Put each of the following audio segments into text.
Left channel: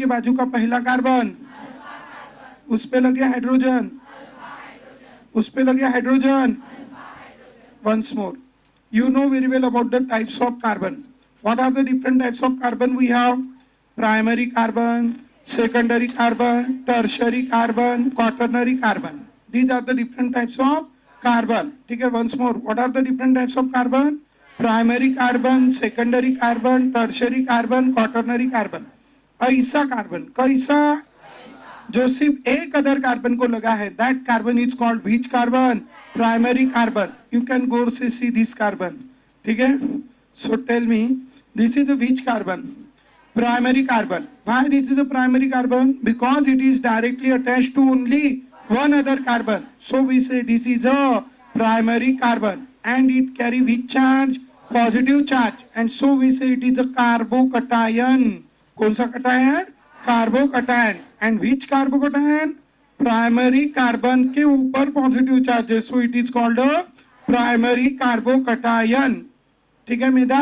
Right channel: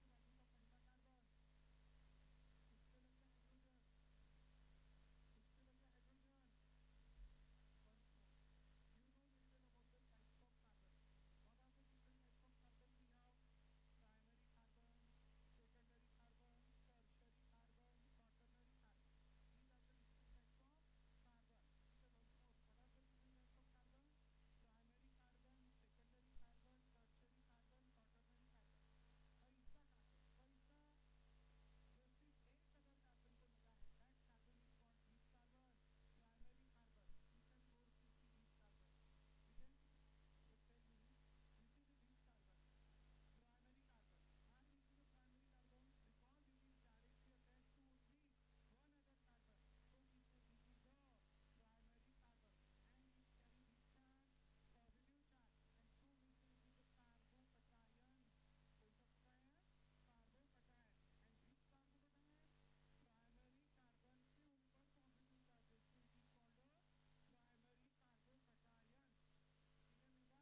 के बाजू का पहला कार्बन, उस पे लगे हाइड्रोजन, उस पे लगे hydrogen. Once more, you know very well about the types of carbon. What are the different types of carbon we have? Primary carbon, secondary carbon, tertiary carbon, quaternary carbon. These are the different types of carbon. ठीक है, once more, what are the different types of carbon? Primary carbon, secondary carbon, tertiary carbon, quaternary carbon. ऐसा carbon, कैसा जो सिर्फ एक other carbon को लगा है, that carbon is called which carbon? Primary carbon. You can go say see this carbon. ठीक है, so tell me, this is a which carbon? Primary carbon. Why this is a primary carbon? Because it is directly attached to only one other carbon, so we say this is a primary carbon. And it carry which charge? Positive charge. And so we say it is a carbocation. कौन सा cation? Carbocation. And which carbocation? Primary carbon के ऊपर positive charge है, so it is called a primary carbocation. ठीक है Medha,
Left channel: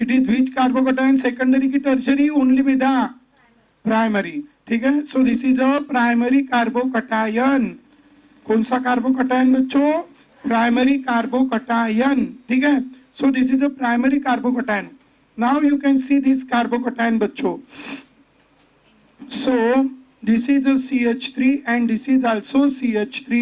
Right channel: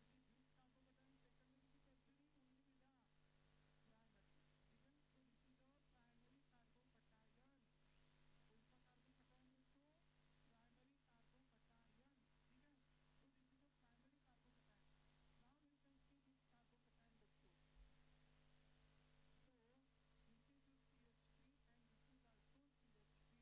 it is which carbocation? Secondary की tertiary? Only Medha, primary. ठीक है, so this is a primary carbocation. कौन सा कार्बोकटायन बच्चों? Primary carbocation. ठीक है, so this is a primary carbocation. Now you can see this carbocation बच्चों. So this is a CH3 and this is also CH3,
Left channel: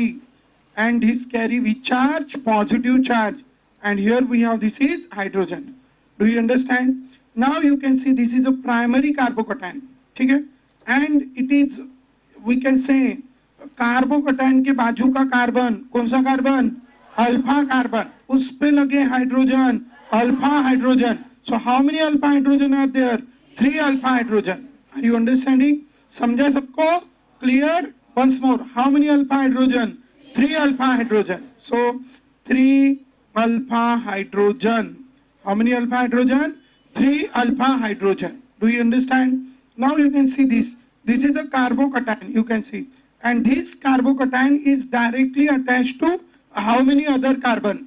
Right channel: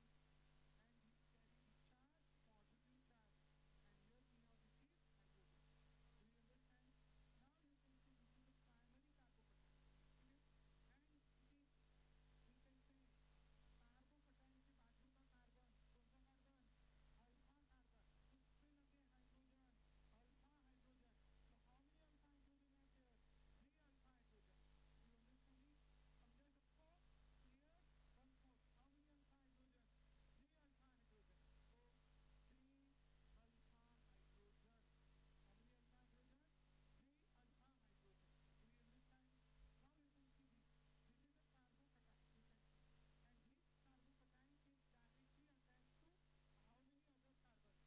and this carry which charge? Positive charge. And here we have, this is hydrogen. Do you understand? Now you can see this is a primary carbocation. ठीक है, and it is, we can say, carbocation के बाजू का carbon, कौन सा carbon? Alpha carbon. उस पे लगे hydrogen, alpha hydrogen. So how many alpha hydrogen are there? 3 alpha hydrogen. Are you understanding? समझा सबको? Clear? Once more, how many alpha hydrogen? 3 alpha hydrogen. So 3 alpha hydrogen. How many alpha hydrogen? 3 alpha hydrogen. Do you understand? Now you can see this. This is a carbocation, you can see. And this carbocation is directly attached to how many other carbon?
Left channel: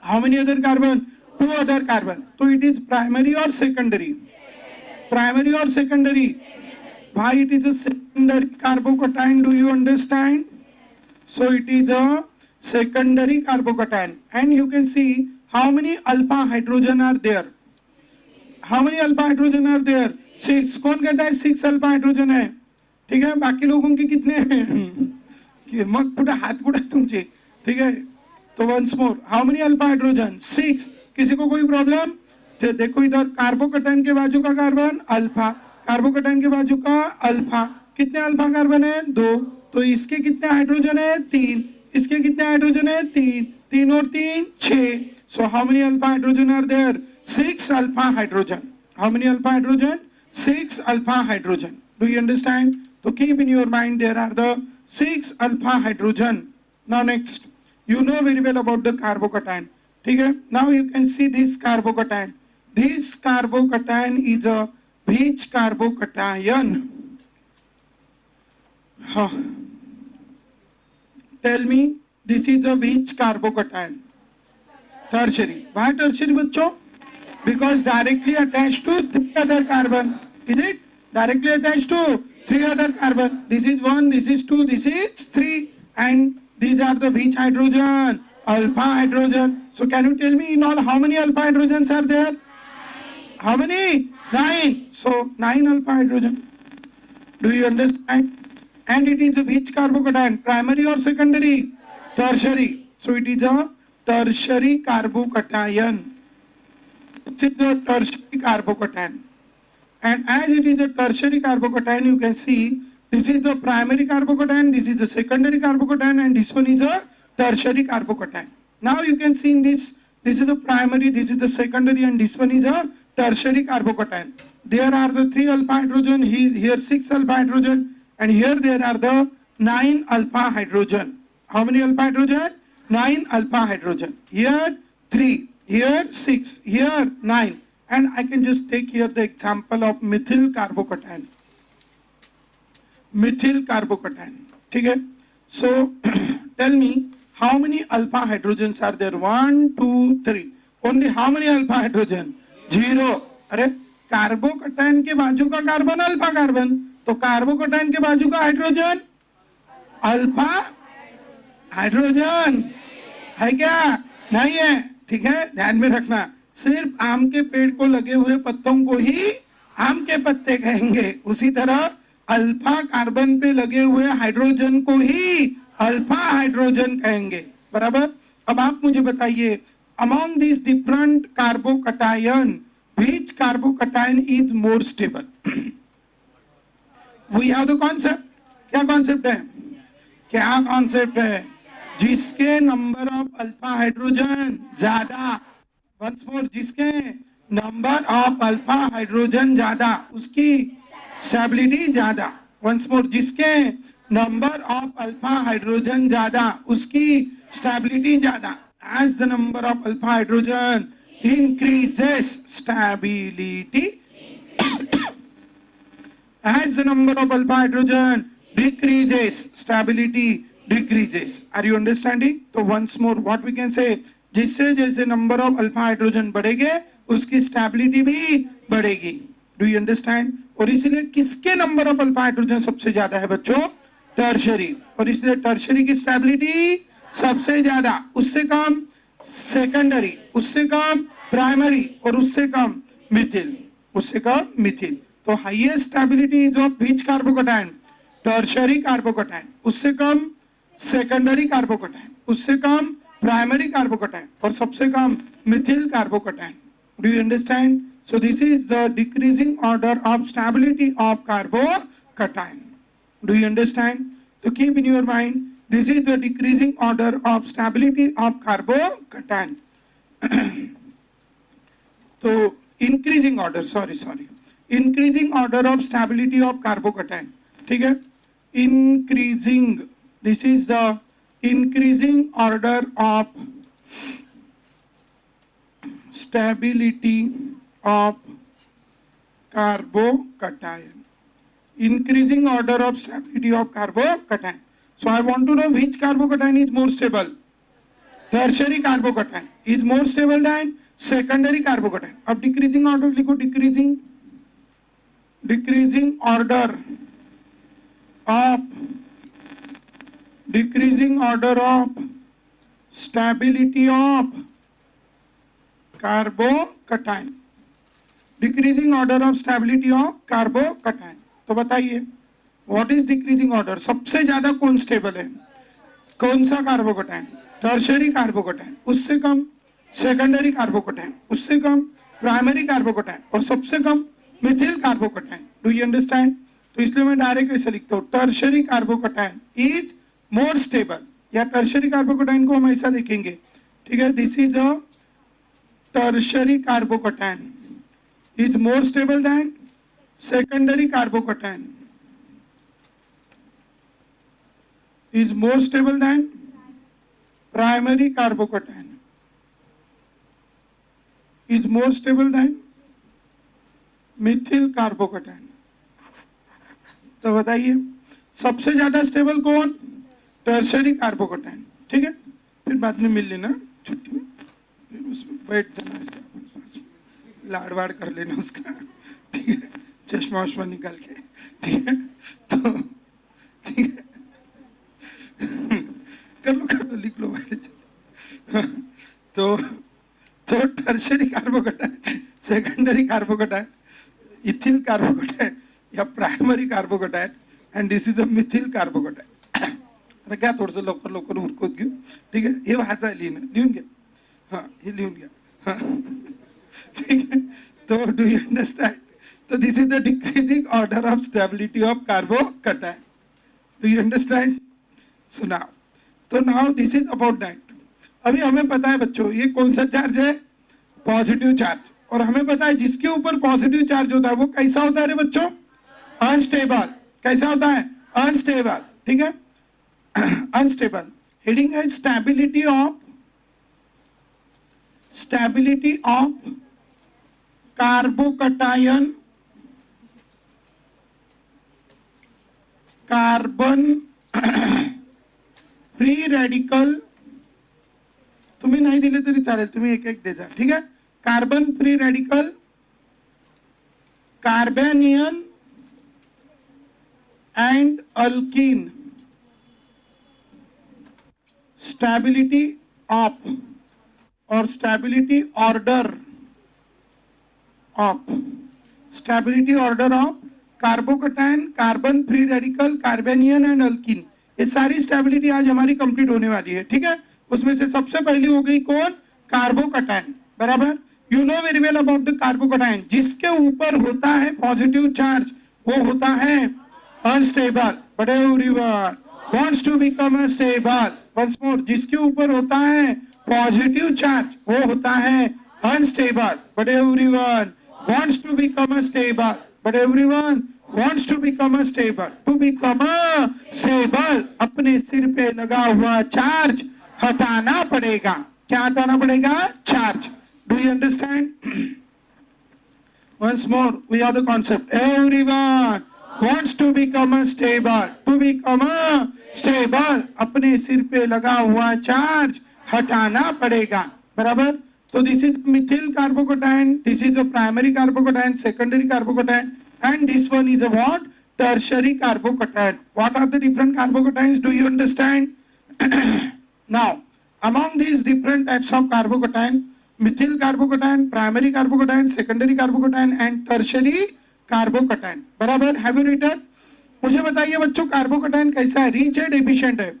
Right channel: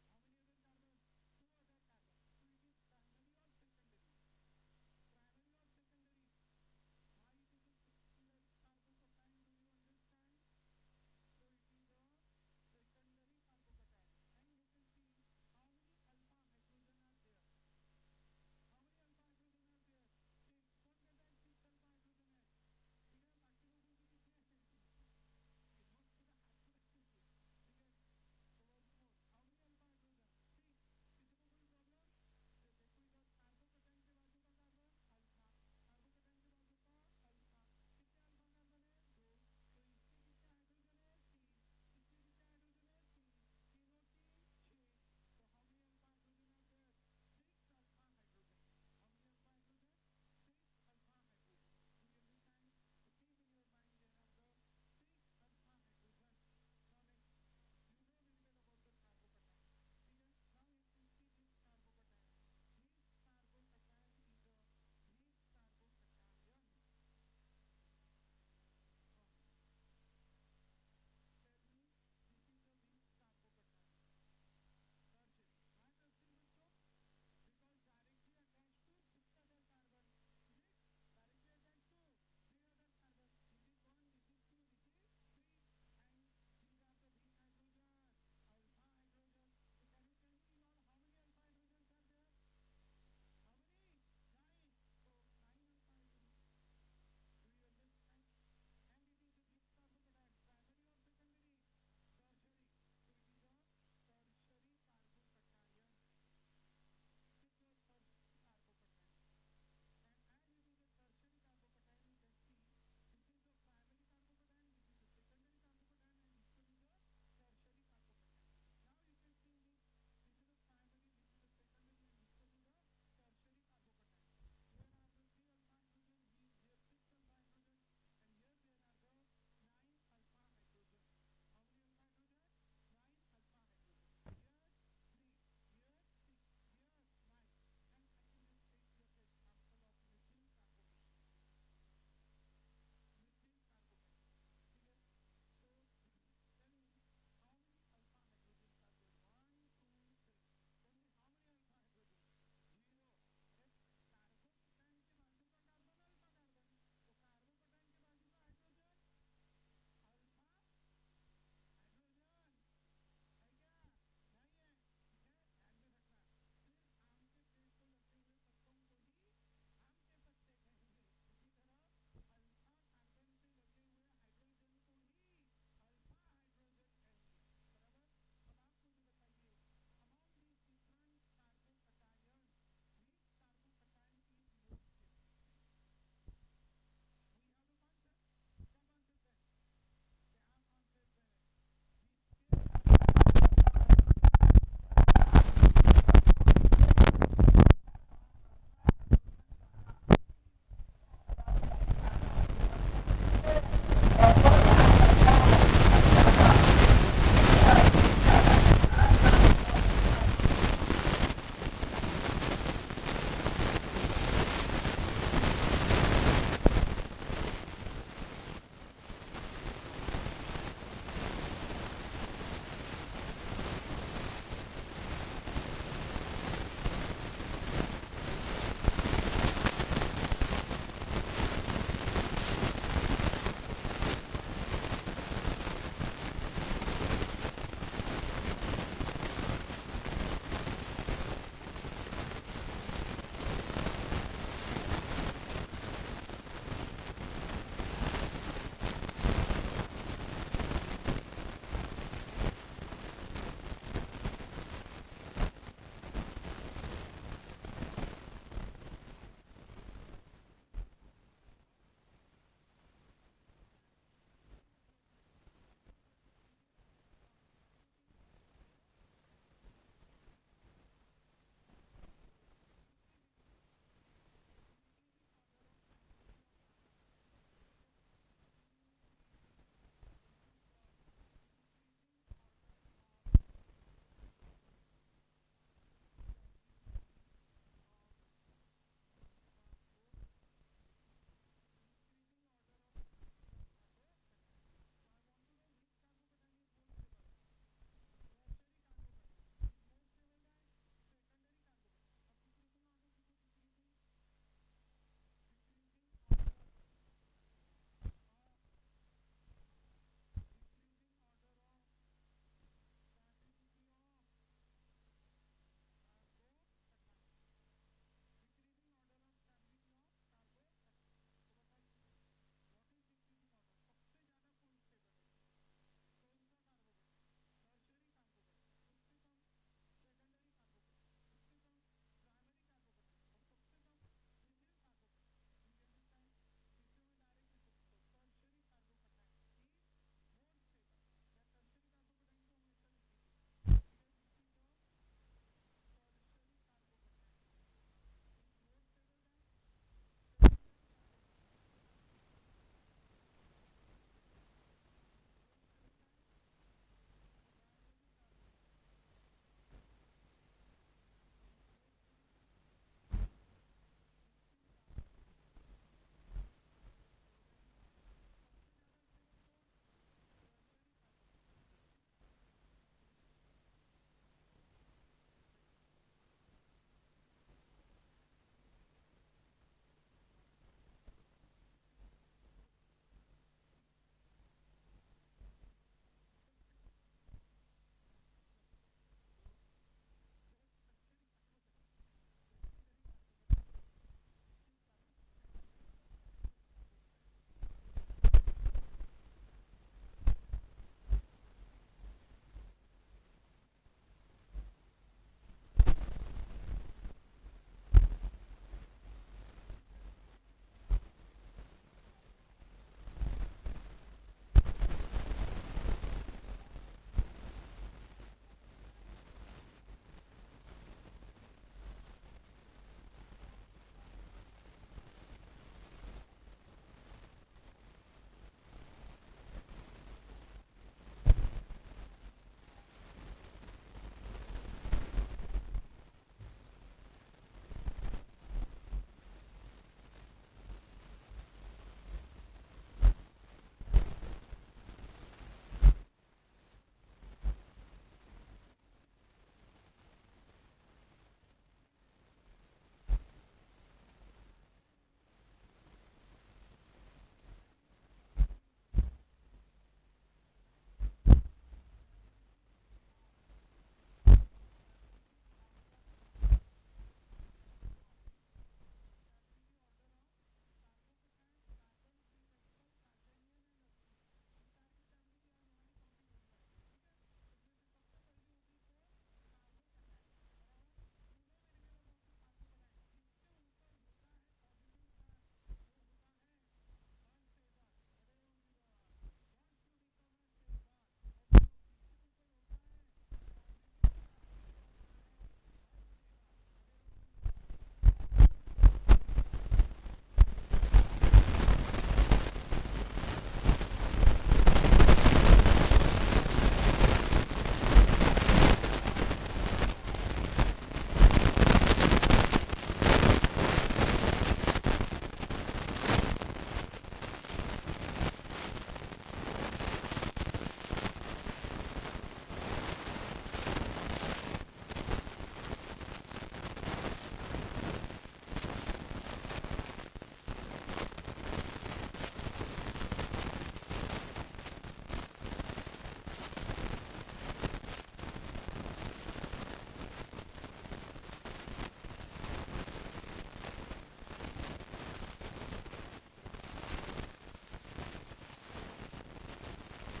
How many other carbon? 2 other carbon. So it is primary or secondary? Primary or secondary? Why it is a secondary carbocation? Do you understand? So it is a secondary carbocation. And you can see how many alpha hydrogen are there. How many alpha hydrogen are there? 6. कौन कहता है 6 alpha hydrogen है? ठीक है, बाकी लोगों के कितने हैं? मग पुढे हात कुठे तुमचे? ठीक है, तो once more, how many alpha hydrogen? 6. किसी को कोई प्रॉब्लम? देखो इधर, कार्बोकटायन के बाजू का कार्बन अल्फा, कार्बोकटायन के बाजू का अल्फा. कितने अल्फा कार्बन है? 2. तो इसके कितने हाइड्रोजन है? 3. इसके कितने हाइड्रोजन है? 3. 3 और 3 6. So how many alpha hydrogen are there? 6 alpha hydrogen. How many alpha hydrogen? 6 alpha hydrogen. Do you understand? तो keep in your mind there are the 6 alpha hydrogen. Now next, you know very well about the carbocation. ठीक है, now you can see this carbocation. This carbocation is a which carbocation? Tell me, this is a which carbocation? Tertiary. Why tertiary बच्चों? Because directly attached to 3 other carbon. Is it? Directly attached to 3 other carbon. This is 1, this is 2, this is 3, and these are the which hydrogen? Alpha hydrogen. So can you tell me in all how many alpha hydrogens are there? How many? 9. So 9 alpha hydrogen. Do you understand? And it is a which carbocation? Primary or secondary? Tertiary. So it is a tertiary carbocation. It is a tertiary carbocation. And as it is a tertiary carbocation, you can see this is the primary carbocation, this is the secondary carbocation, and this one is a tertiary carbocation. Now you can see in this is the primary, this is the secondary, and this one is a tertiary carbocation. There are the 3 alpha hydrogen, here 6 alpha hydrogen, and here there are the 9 alpha hydrogen. How many alpha hydrogen? 9 alpha hydrogen. Here 3, here 6, here 9. And I can just take here the example of methyl carbocation. Methyl carbocation. ठीक है? So tell me how many alpha hydrogens are there? 1, 2, 3. Only how many alpha hydrogen? 0. अरे carbocation के बाजू का carbon alpha carbon, तो carbocation के बाजू का हाइड्रोजन अल्फा हाइड्रोजन है क्या? नहीं है, ठीक है, ध्यान में रखना। सिर्फ आम के पेड़ को लगे हुए पत्तों को ही आम के पत्ते कहेंगे, उसी तरह अल्फा कार्बन पे लगे हुए हाइड्रोजन को ही अल्फा हाइड्रोजन कहेंगे, बराबर। अब आप मुझे बताइए, among this different carbocation which carbocation is more stable? We have the concept. क्या कॉन्सेप्ट है? क्या कॉन्सेप्ट है? जिसके नंबर ऑफ अल्फा हाइड्रोजन ज्यादा, वंस मोर, जिसके नंबर ऑफ अल्फा हाइड्रोजन ज्यादा उसकी स्टेबिलिटी ज्यादा। वंस मोर, जिसके नंबर ऑफ अल्फा हाइड्रोजन ज्यादा उसकी स्टेबिलिटी ज्यादा। As the number of alpha hydrogen increases stability, as the number of alpha hydrogen decreases, stability decreases. Are you understanding? So once more what we can say, जिससे जैसे number of alpha hydrogen बढ़ेंगे उसकी stability भी बढ़ेगी। Do you understand? और इसलिए किसके number of alpha hydrogen सबसे ज्यादा है बच्चों? टर्शरी। और इसलिए टर्शरी की स्टेबिलिटी सबसे ज्यादा, उससे कम सेकेंडरी, उससे कम प्राइमरी और उससे कम मिथिल, उससे कम मिथिल। तो highest stability is of which carbocation? Tertiary carbocation. उससे कम सेकेंडरी कार्बोकटायन, उससे कम प्राइमरी कार्बोकटायन और सबसे कम methyl carbocation. Do you understand? So this is the decreasing order of stability of carbocation. Do you understand? तो keep in your mind, this is the decreasing order of stability of carbocation. So increasing order, increasing order of stability of carbocation, ठीक है? Increasing, this is the increasing order of stability of carbocation. Increasing order of stability of carbocation. So I want to know which carbocation is more stable? Tertiary carbocation is more stable than secondary carbocation. अब decreasing order लिखो, decreasing order of stability of carbocation. Decreasing order of stability of carbocation. तो बताइए what is decreasing order? सबसे ज्यादा कौन stable है? कौन सा कार्बोकटायन? Tertiary carbocation. उससे कम सेकेंडरी कार्बोकटायन, उससे कम प्राइमरी कार्बोकटायन और सबसे कम methyl carbocation. Do you understand? तो इसलिए मैं डायरेक्ट ऐसे लिखता हूँ, tertiary carbocation is more stable, या टर्शरी कार्बोकटायन को हम ऐसा देखेंगे, ठीक है? This is a tertiary carbocation is more stable than secondary carbocation, is more stable than primary carbocation, is more stable than methyl carbocation. तो बताइए सबसे ज्यादा स्टेबल कौन? टर्शरी कार्बोकटायन, ठीक है? फिर बाद में मिल लेना छुट्टी में, फिर उसमें बैठ जाना, लाड़ वाड़ कर लेना उसका, ठीक है? चश्मा वश्मा निकाल के, ठीक है? तो ठीक है, कर लो लिख लो भाई। तो tertiary carbocation, secondary carbocation, ethyl carbocation या primary carbocation, and this is a methyl carbocation. आता घ्या थोडंसं लवकर उरकत घेऊ, ठीक आहे? हे वाचा, लिहून घ्या, हां हे लिहून घ्या, हां ठीक आहे? तो do you understand? So this is the decreasing order of stability of carbocation. Do you understand? So now this is about that. अभी हमें पता है बच्चों ये कौन सा चार्ज है? Positive charge. और हमें पता है जिसके ऊपर पॉजिटिव चार्ज होता है वो कैसा होता है रे बच्चों? अनस्टेबल। कैसा होता है? अनस्टेबल, ठीक है? अनस्टेबल। हेडिंग है stability of carbocation, carbon free radical. तुम्ही नाही दिले तरी चालेल, तुम्ही एक एक दे जा, ठीक आहे? Carbon free radical carbanion and alkene, stability of और stability order of, stability order of carbocation, carbon free radical, carbanion and alkene, ये सारी स्टेबिलिटी आज हमारी कंप्लीट होने वाली है, ठीक है। उसमें से सबसे पहली हो गई कौन? कार्बोकटायन, बराबर। You know very well about the carbocation, जिसके ऊपर होता है पॉजिटिव चार्ज वो होता है unstable, but everyone wants to become stable. Once more, जिसके ऊपर होता है पॉजिटिव चार्ज वो होता है unstable, but everyone wants to become a stable, but everyone wants to become a stable. To become a stable, अपने सिर पे लगा हुआ चार्ज हटाना पड़ेगा। क्या हटाना पड़ेगा? Charge. Do you understand? Once more, we are the concept. Everyone wants to become a stable. To become a stable, अपने सिर पे लगा हुआ चार्ज हटाना पड़ेगा, बराबर। So this is methyl carbocation, this is a primary carbocation, secondary carbocation, and this one is a what? Tertiary carbocation. What are the different carbocations? Do you understand? Now, among these different types of carbocation, methyl carbocation, primary carbocation, secondary carbocation, and tertiary carbocation. बराबर? Have you written? मुझे बताइए बच्चों, carbocation कैसा है? Rich है, deficient है?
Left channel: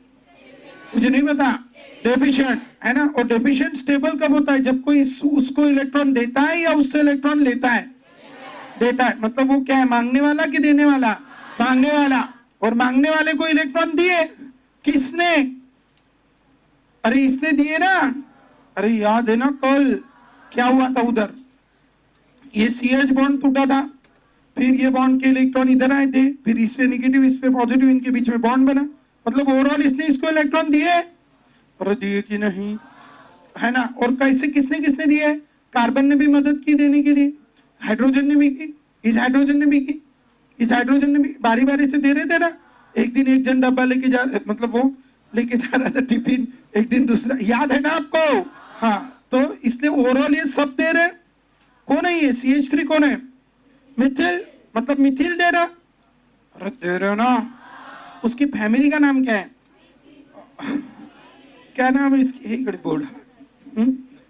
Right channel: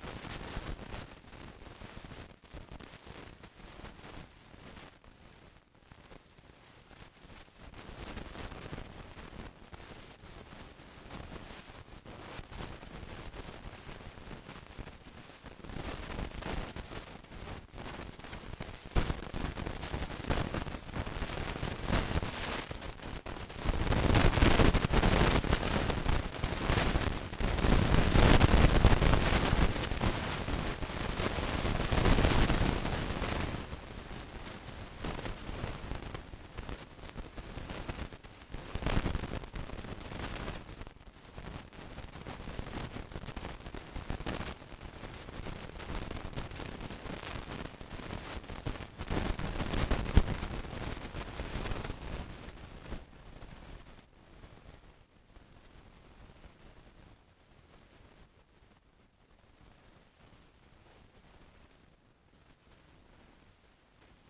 मुझे नहीं पता। डेफिशिएंट है ना। और डेफिशिएंट स्टेबल कब होता है? जब कोई उसको इलेक्ट्रॉन देता है या उससे इलेक्ट्रॉन लेता है? देता है। मतलब वो क्या है, मांगने वाला कि देने वाला? मांगने वाला। और मांगने वाले को इलेक्ट्रॉन दिए किसने? अरे इसने दिए ना। अरे याद है ना कल क्या हुआ था उधर? ये CH बॉन्ड टूटा था, फिर ये बॉन्ड के इलेक्ट्रॉन इधर आए थे, फिर इससे नेगेटिव इस पे पॉजिटिव, इनके बीच में बॉन्ड बना। मतलब ओवरऑल इसने इसको इलेक्ट्रॉन दिए और दिए कि नहीं, है ना। और कैसे, किसने किसने दिए? कार्बन ने भी मदद की देने के लिए, हाइड्रोजन ने भी की, इस हाइड्रोजन ने भी की, इस हाइड्रोजन ने भी, बारी बारी से दे रहे थे ना। एक दिन एक जन डब्बा लेके जा, मतलब वो लेके जा रहा था टिफिन, एक दिन दूसरा, याद है ना आपको? हाँ, तो इसने ओवरऑल ये सब दे रहे। कौन है ये? CH3 कौन है? मिथिल, मतलब मिथिल दे रहा। अरे दे रहे ना। उसकी फैमिली का नाम क्या है? क्या नाम है इसकी? एक बोर्ड,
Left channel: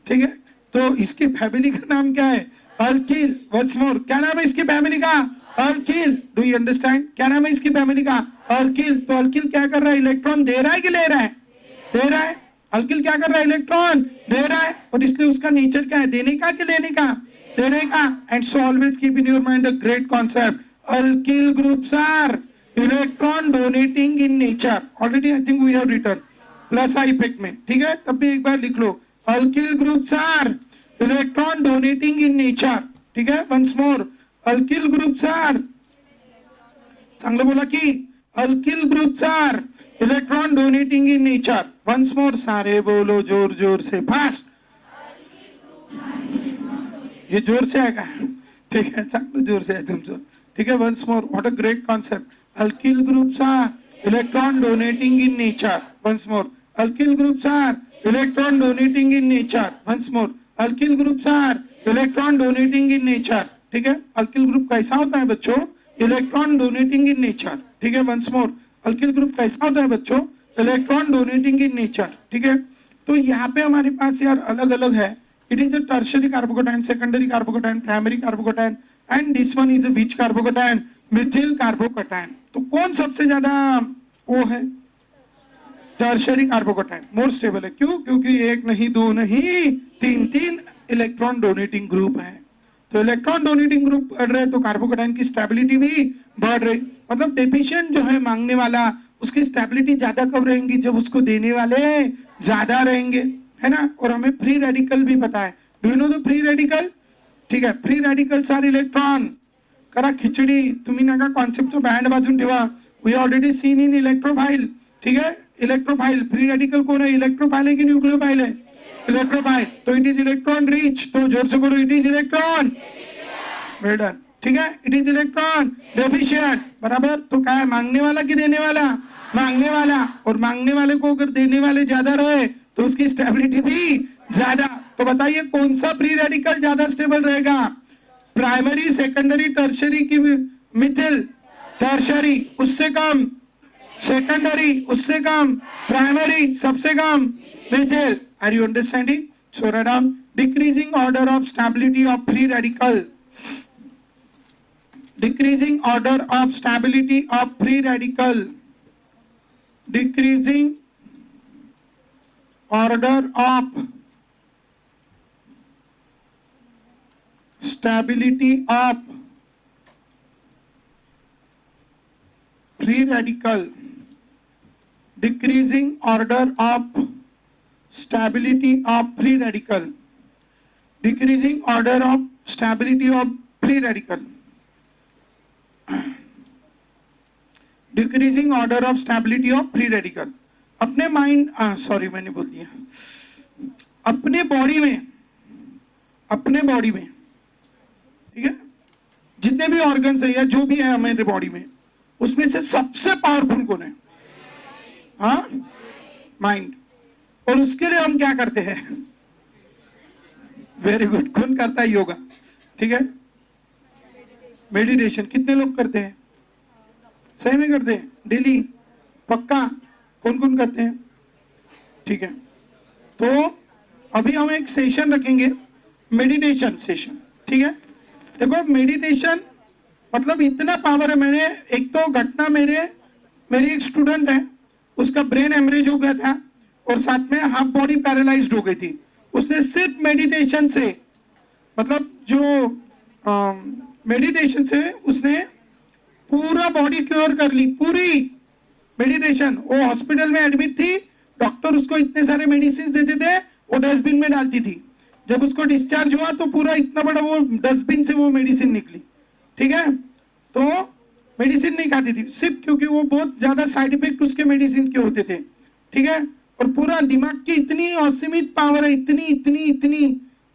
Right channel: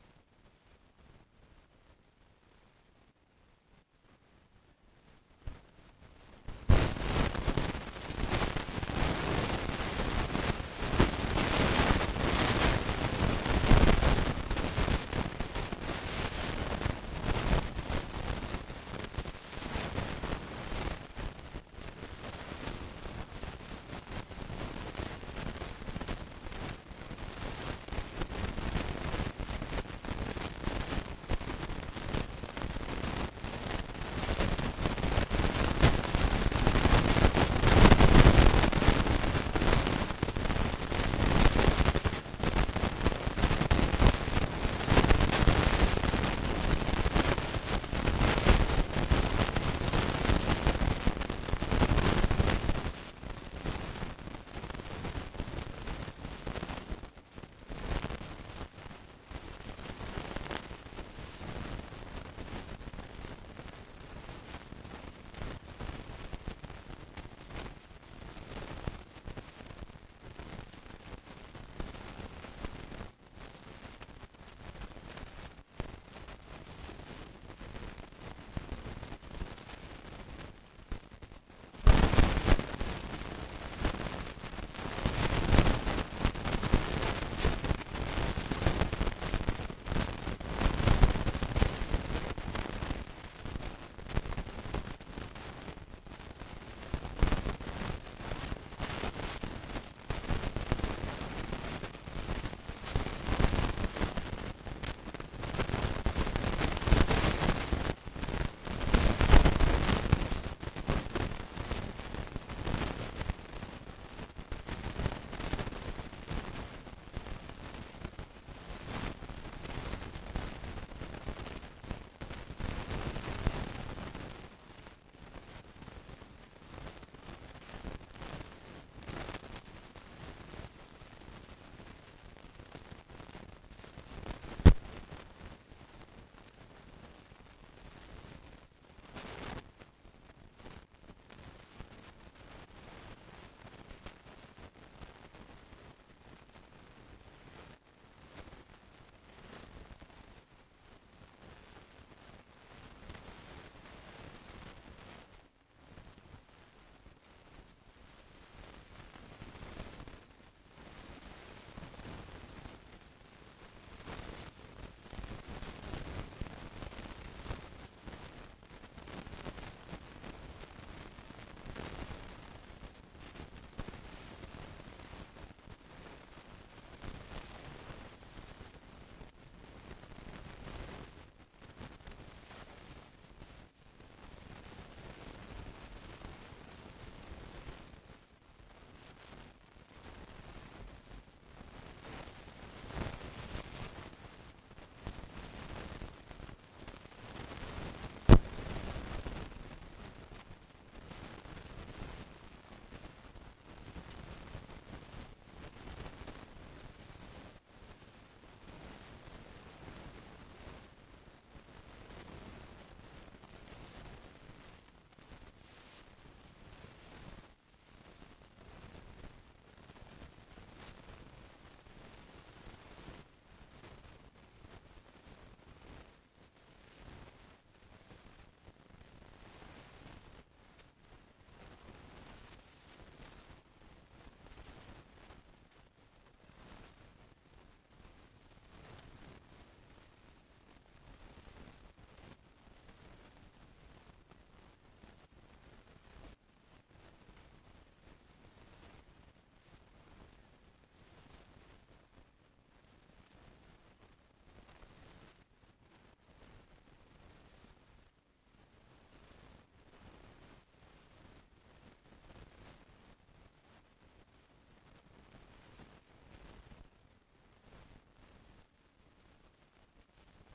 ठीक है। तो इसकी फैमिली का नाम क्या है? अल्किल। वंस मोर, क्या नाम है इसकी फैमिली का? अल्किल। Do you understand? क्या नाम है इसकी फैमिली का? अल्किल। तो अल्किल क्या कर रहा है? इलेक्ट्रॉन दे रहा है कि ले रहा है? दे रहा है। अल्किल क्या कर रहा है? इलेक्ट्रॉन दे रहा है। और इसलिए उसका नेचर क्या है? देने का कि लेने का? देने का। And so always keep in your mind a great concept, alkyl groups are electron donating in nature. Already I think we have written plus I effect में, ठीक है। तब भी एक बार लिख लो, alkyl groups are electron donating in nature, ठीक है। Once more, alkyl groups are, संग बोला कि alkyl groups are electron donating in nature. Once more, सारे बोलो जोर जोर से, फास्ट। ये जोर से आएगा, ठीक है, सब जोर से, ठीक है। Once more, what a great concept, alkyl groups are electron donating in nature. Once more, alkyl groups are electron donating in nature. Once more, alkyl groups are electron donating in nature. ठीक है। alkyl group कैसा होता है बच्चों? electron donating in nature, ठीक है। once more, alkyl group कैसा होता है बच्चों? electron donating in nature, ठीक है। तो यहाँ पे हमारे पास यार अलग अलग है। It is a tertiary carbocation, secondary carbocation, primary carbocation, and this one is a which carbocation? Methyl carbocation. तो कौन सबसे ज्यादा वो है? टर्शियरी कार्बोकटायन मोर स्टेबल है। क्यों? क्योंकि एक नहीं, दो नहीं, तीन इलेक्ट्रॉन डोनेटिंग ग्रुप है। तो इलेक्ट्रॉन डोनेटिंग ग्रुप बढ़ रहे तो कार्बोकटायन की स्टेबिलिटी भी बढ़ रही। मतलब डेफिशिएंट जो है मांगने वाला, उसकी स्टेबिलिटी ज्यादा कब रहेंगी? जब उसको देने वाले ज्यादा रहेंगे, है ना। और हमें फ्री रेडिकल भी पता है। Do you know the free radical? ठीक है, फ्री रेडिकल्स आर इलेक्ट्रॉन। जरा खिचडी तुम्ही नका कॉन्सेप्ट तो बँड बाजून ठेवा। We already seen in electrophile, ठीक है। इलेक्ट्रोफाइल, फ्री रेडिकल कौन है? इलेक्ट्रोफाइल है कि न्यूक्लियोफाइल है? इलेक्ट्रोफाइल। तो इट इज इलेक्ट्रॉन रिच। तो जोर से बोलो, it is electron well done, ठीक है। इट इज इलेक्ट्रॉन डेफिशिएंट, बराबर। तो क्या है, मांगने वाला कि देने वाला? मांगने वाला। और मांगने वाले को अगर देने वाले ज्यादा रहे तो उसकी स्टेबिलिटी भी ज्यादा। तो बताइए कौन सा फ्री रेडिकल ज्यादा स्टेबल रहेगा? प्राइमरी, सेकेंडरी, टर्शरी की मिथिल, टर्शरी उससे कम, सेकेंडरी उससे कम, प्राइमरी सबसे कम, methyl. Are you understanding? So write down. Decreasing order of stability of free radical. Decreasing order of stability of free radical. Decreasing order of stability of free radical. Decreasing order of stability of free radical. Decreasing order of stability of free radical. Decreasing order of stability of free radical. अपने mind, sorry मैंने बोल दिया, अपने body में, अपने body में, ठीक है, जितने भी ऑर्गन्स है या जो भी है हमारे बॉडी में, उसमें से सबसे पावरफुल कौन है? हाँ, माइंड. और उसके लिए हम क्या करते हैं? Very good. कौन करता है योगा? ठीक है, मेडिटेशन. कितने लोग करते हैं? सही में करते हैं? डेली? पक्का? कौन कौन करते हैं? ठीक है, तो अभी हम एक सेशन रखेंगे, मेडिटेशन सेशन. ठीक है, देखो मेडिटेशन मतलब इतना पावर है. मैंने एक तो घटना, मेरी एक स्टूडेंट है, उसका ब्रेन हेमरेज हो गया था और साथ में हाफ बॉडी पैरालाइज्ड हो गई थी. उसने सिर्फ मेडिटेशन से, मतलब जो मेडिटेशन से उसने पूरा बॉडी क्योर कर ली, पूरी मेडिटेशन. वो हॉस्पिटल में एडमिट थी, डॉक्टर उसको इतने सारे मेडिसिन देते थे, वो डस्टबिन में डालती थी. जब उसको डिस्चार्ज हुआ तो पूरा इतना बड़ा वो डस्टबिन से वो मेडिसिन निकली. ठीक है, तो मेडिसिन नहीं खाती थी सिर्फ क्योंकि वो बहुत ज्यादा साइड इफेक्ट उसके मेडिसिन के होते थे. ठीक है, और पूरा दिमाग की इतनी असीमित पावर है, इतनी इतनी इतनी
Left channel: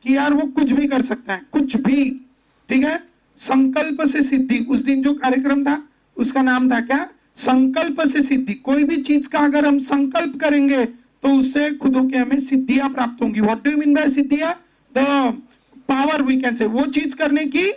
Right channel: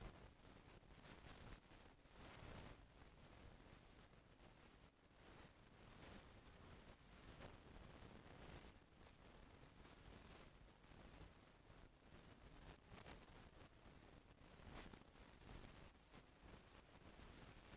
कि यार वो कुछ भी कर सकता है, कुछ भी. ठीक है, संकल्प से सिद्धि. उस दिन जो कार्यक्रम था उसका नाम था क्या? संकल्प से सिद्धि. कोई भी चीज का अगर हम संकल्प करेंगे तो उससे खुद के हमें सिद्धियां प्राप्त होंगी. What do you mean by सिद्धियां? The power we can say. वो चीज करने की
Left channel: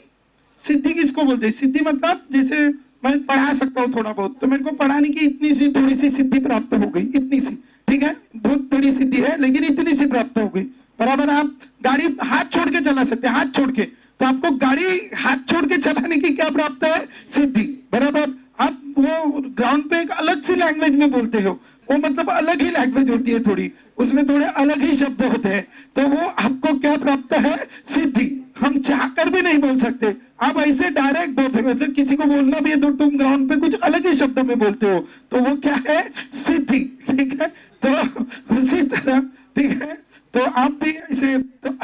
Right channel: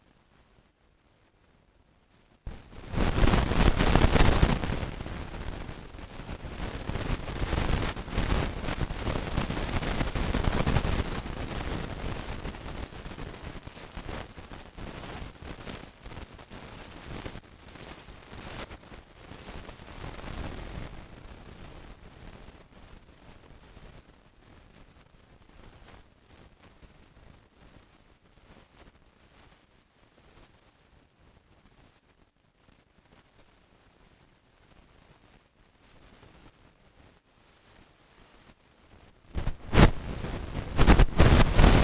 सिद्धि किसको बोलते हैं? सिद्धि मतलब जैसे मैं पढ़ा सकता हूँ थोड़ा बहुत, तो मेरे को पढ़ाने की इतनी सी थोड़ी सी सिद्धि प्राप्त हो गई, इतनी सी. ठीक है, बहुत थोड़ी सिद्धि है लेकिन इतनी सी प्राप्त हो गई. बराबर. आप गाड़ी हाथ छोड़ के चला सकते हैं, हाथ छोड़ के. तो आपको गाड़ी हाथ छोड़ के चलाने की क्या प्राप्त है? सिद्धि. बराबर. आप वो ग्राउंड पे एक अलग सी लैंग्वेज में बोलते हो, वो मतलब अलग ही लैंग्वेज होती है थोड़ी, उसमें थोड़े अलग ही शब्द होते हैं, तो वो आपको क्या प्राप्त है? सिद्धि. हम चाहकर भी नहीं बोल सकते, आप ऐसे डायरेक्ट बोलते हो. मतलब किसी को बोलना भी है तो तुम ग्राउंड पे कुछ अलग ही शब्दों में बोलते हो, तो वो क्या है? सिद्धि. ठीक है, तो उसी तरह, ठीक है, तो आप भी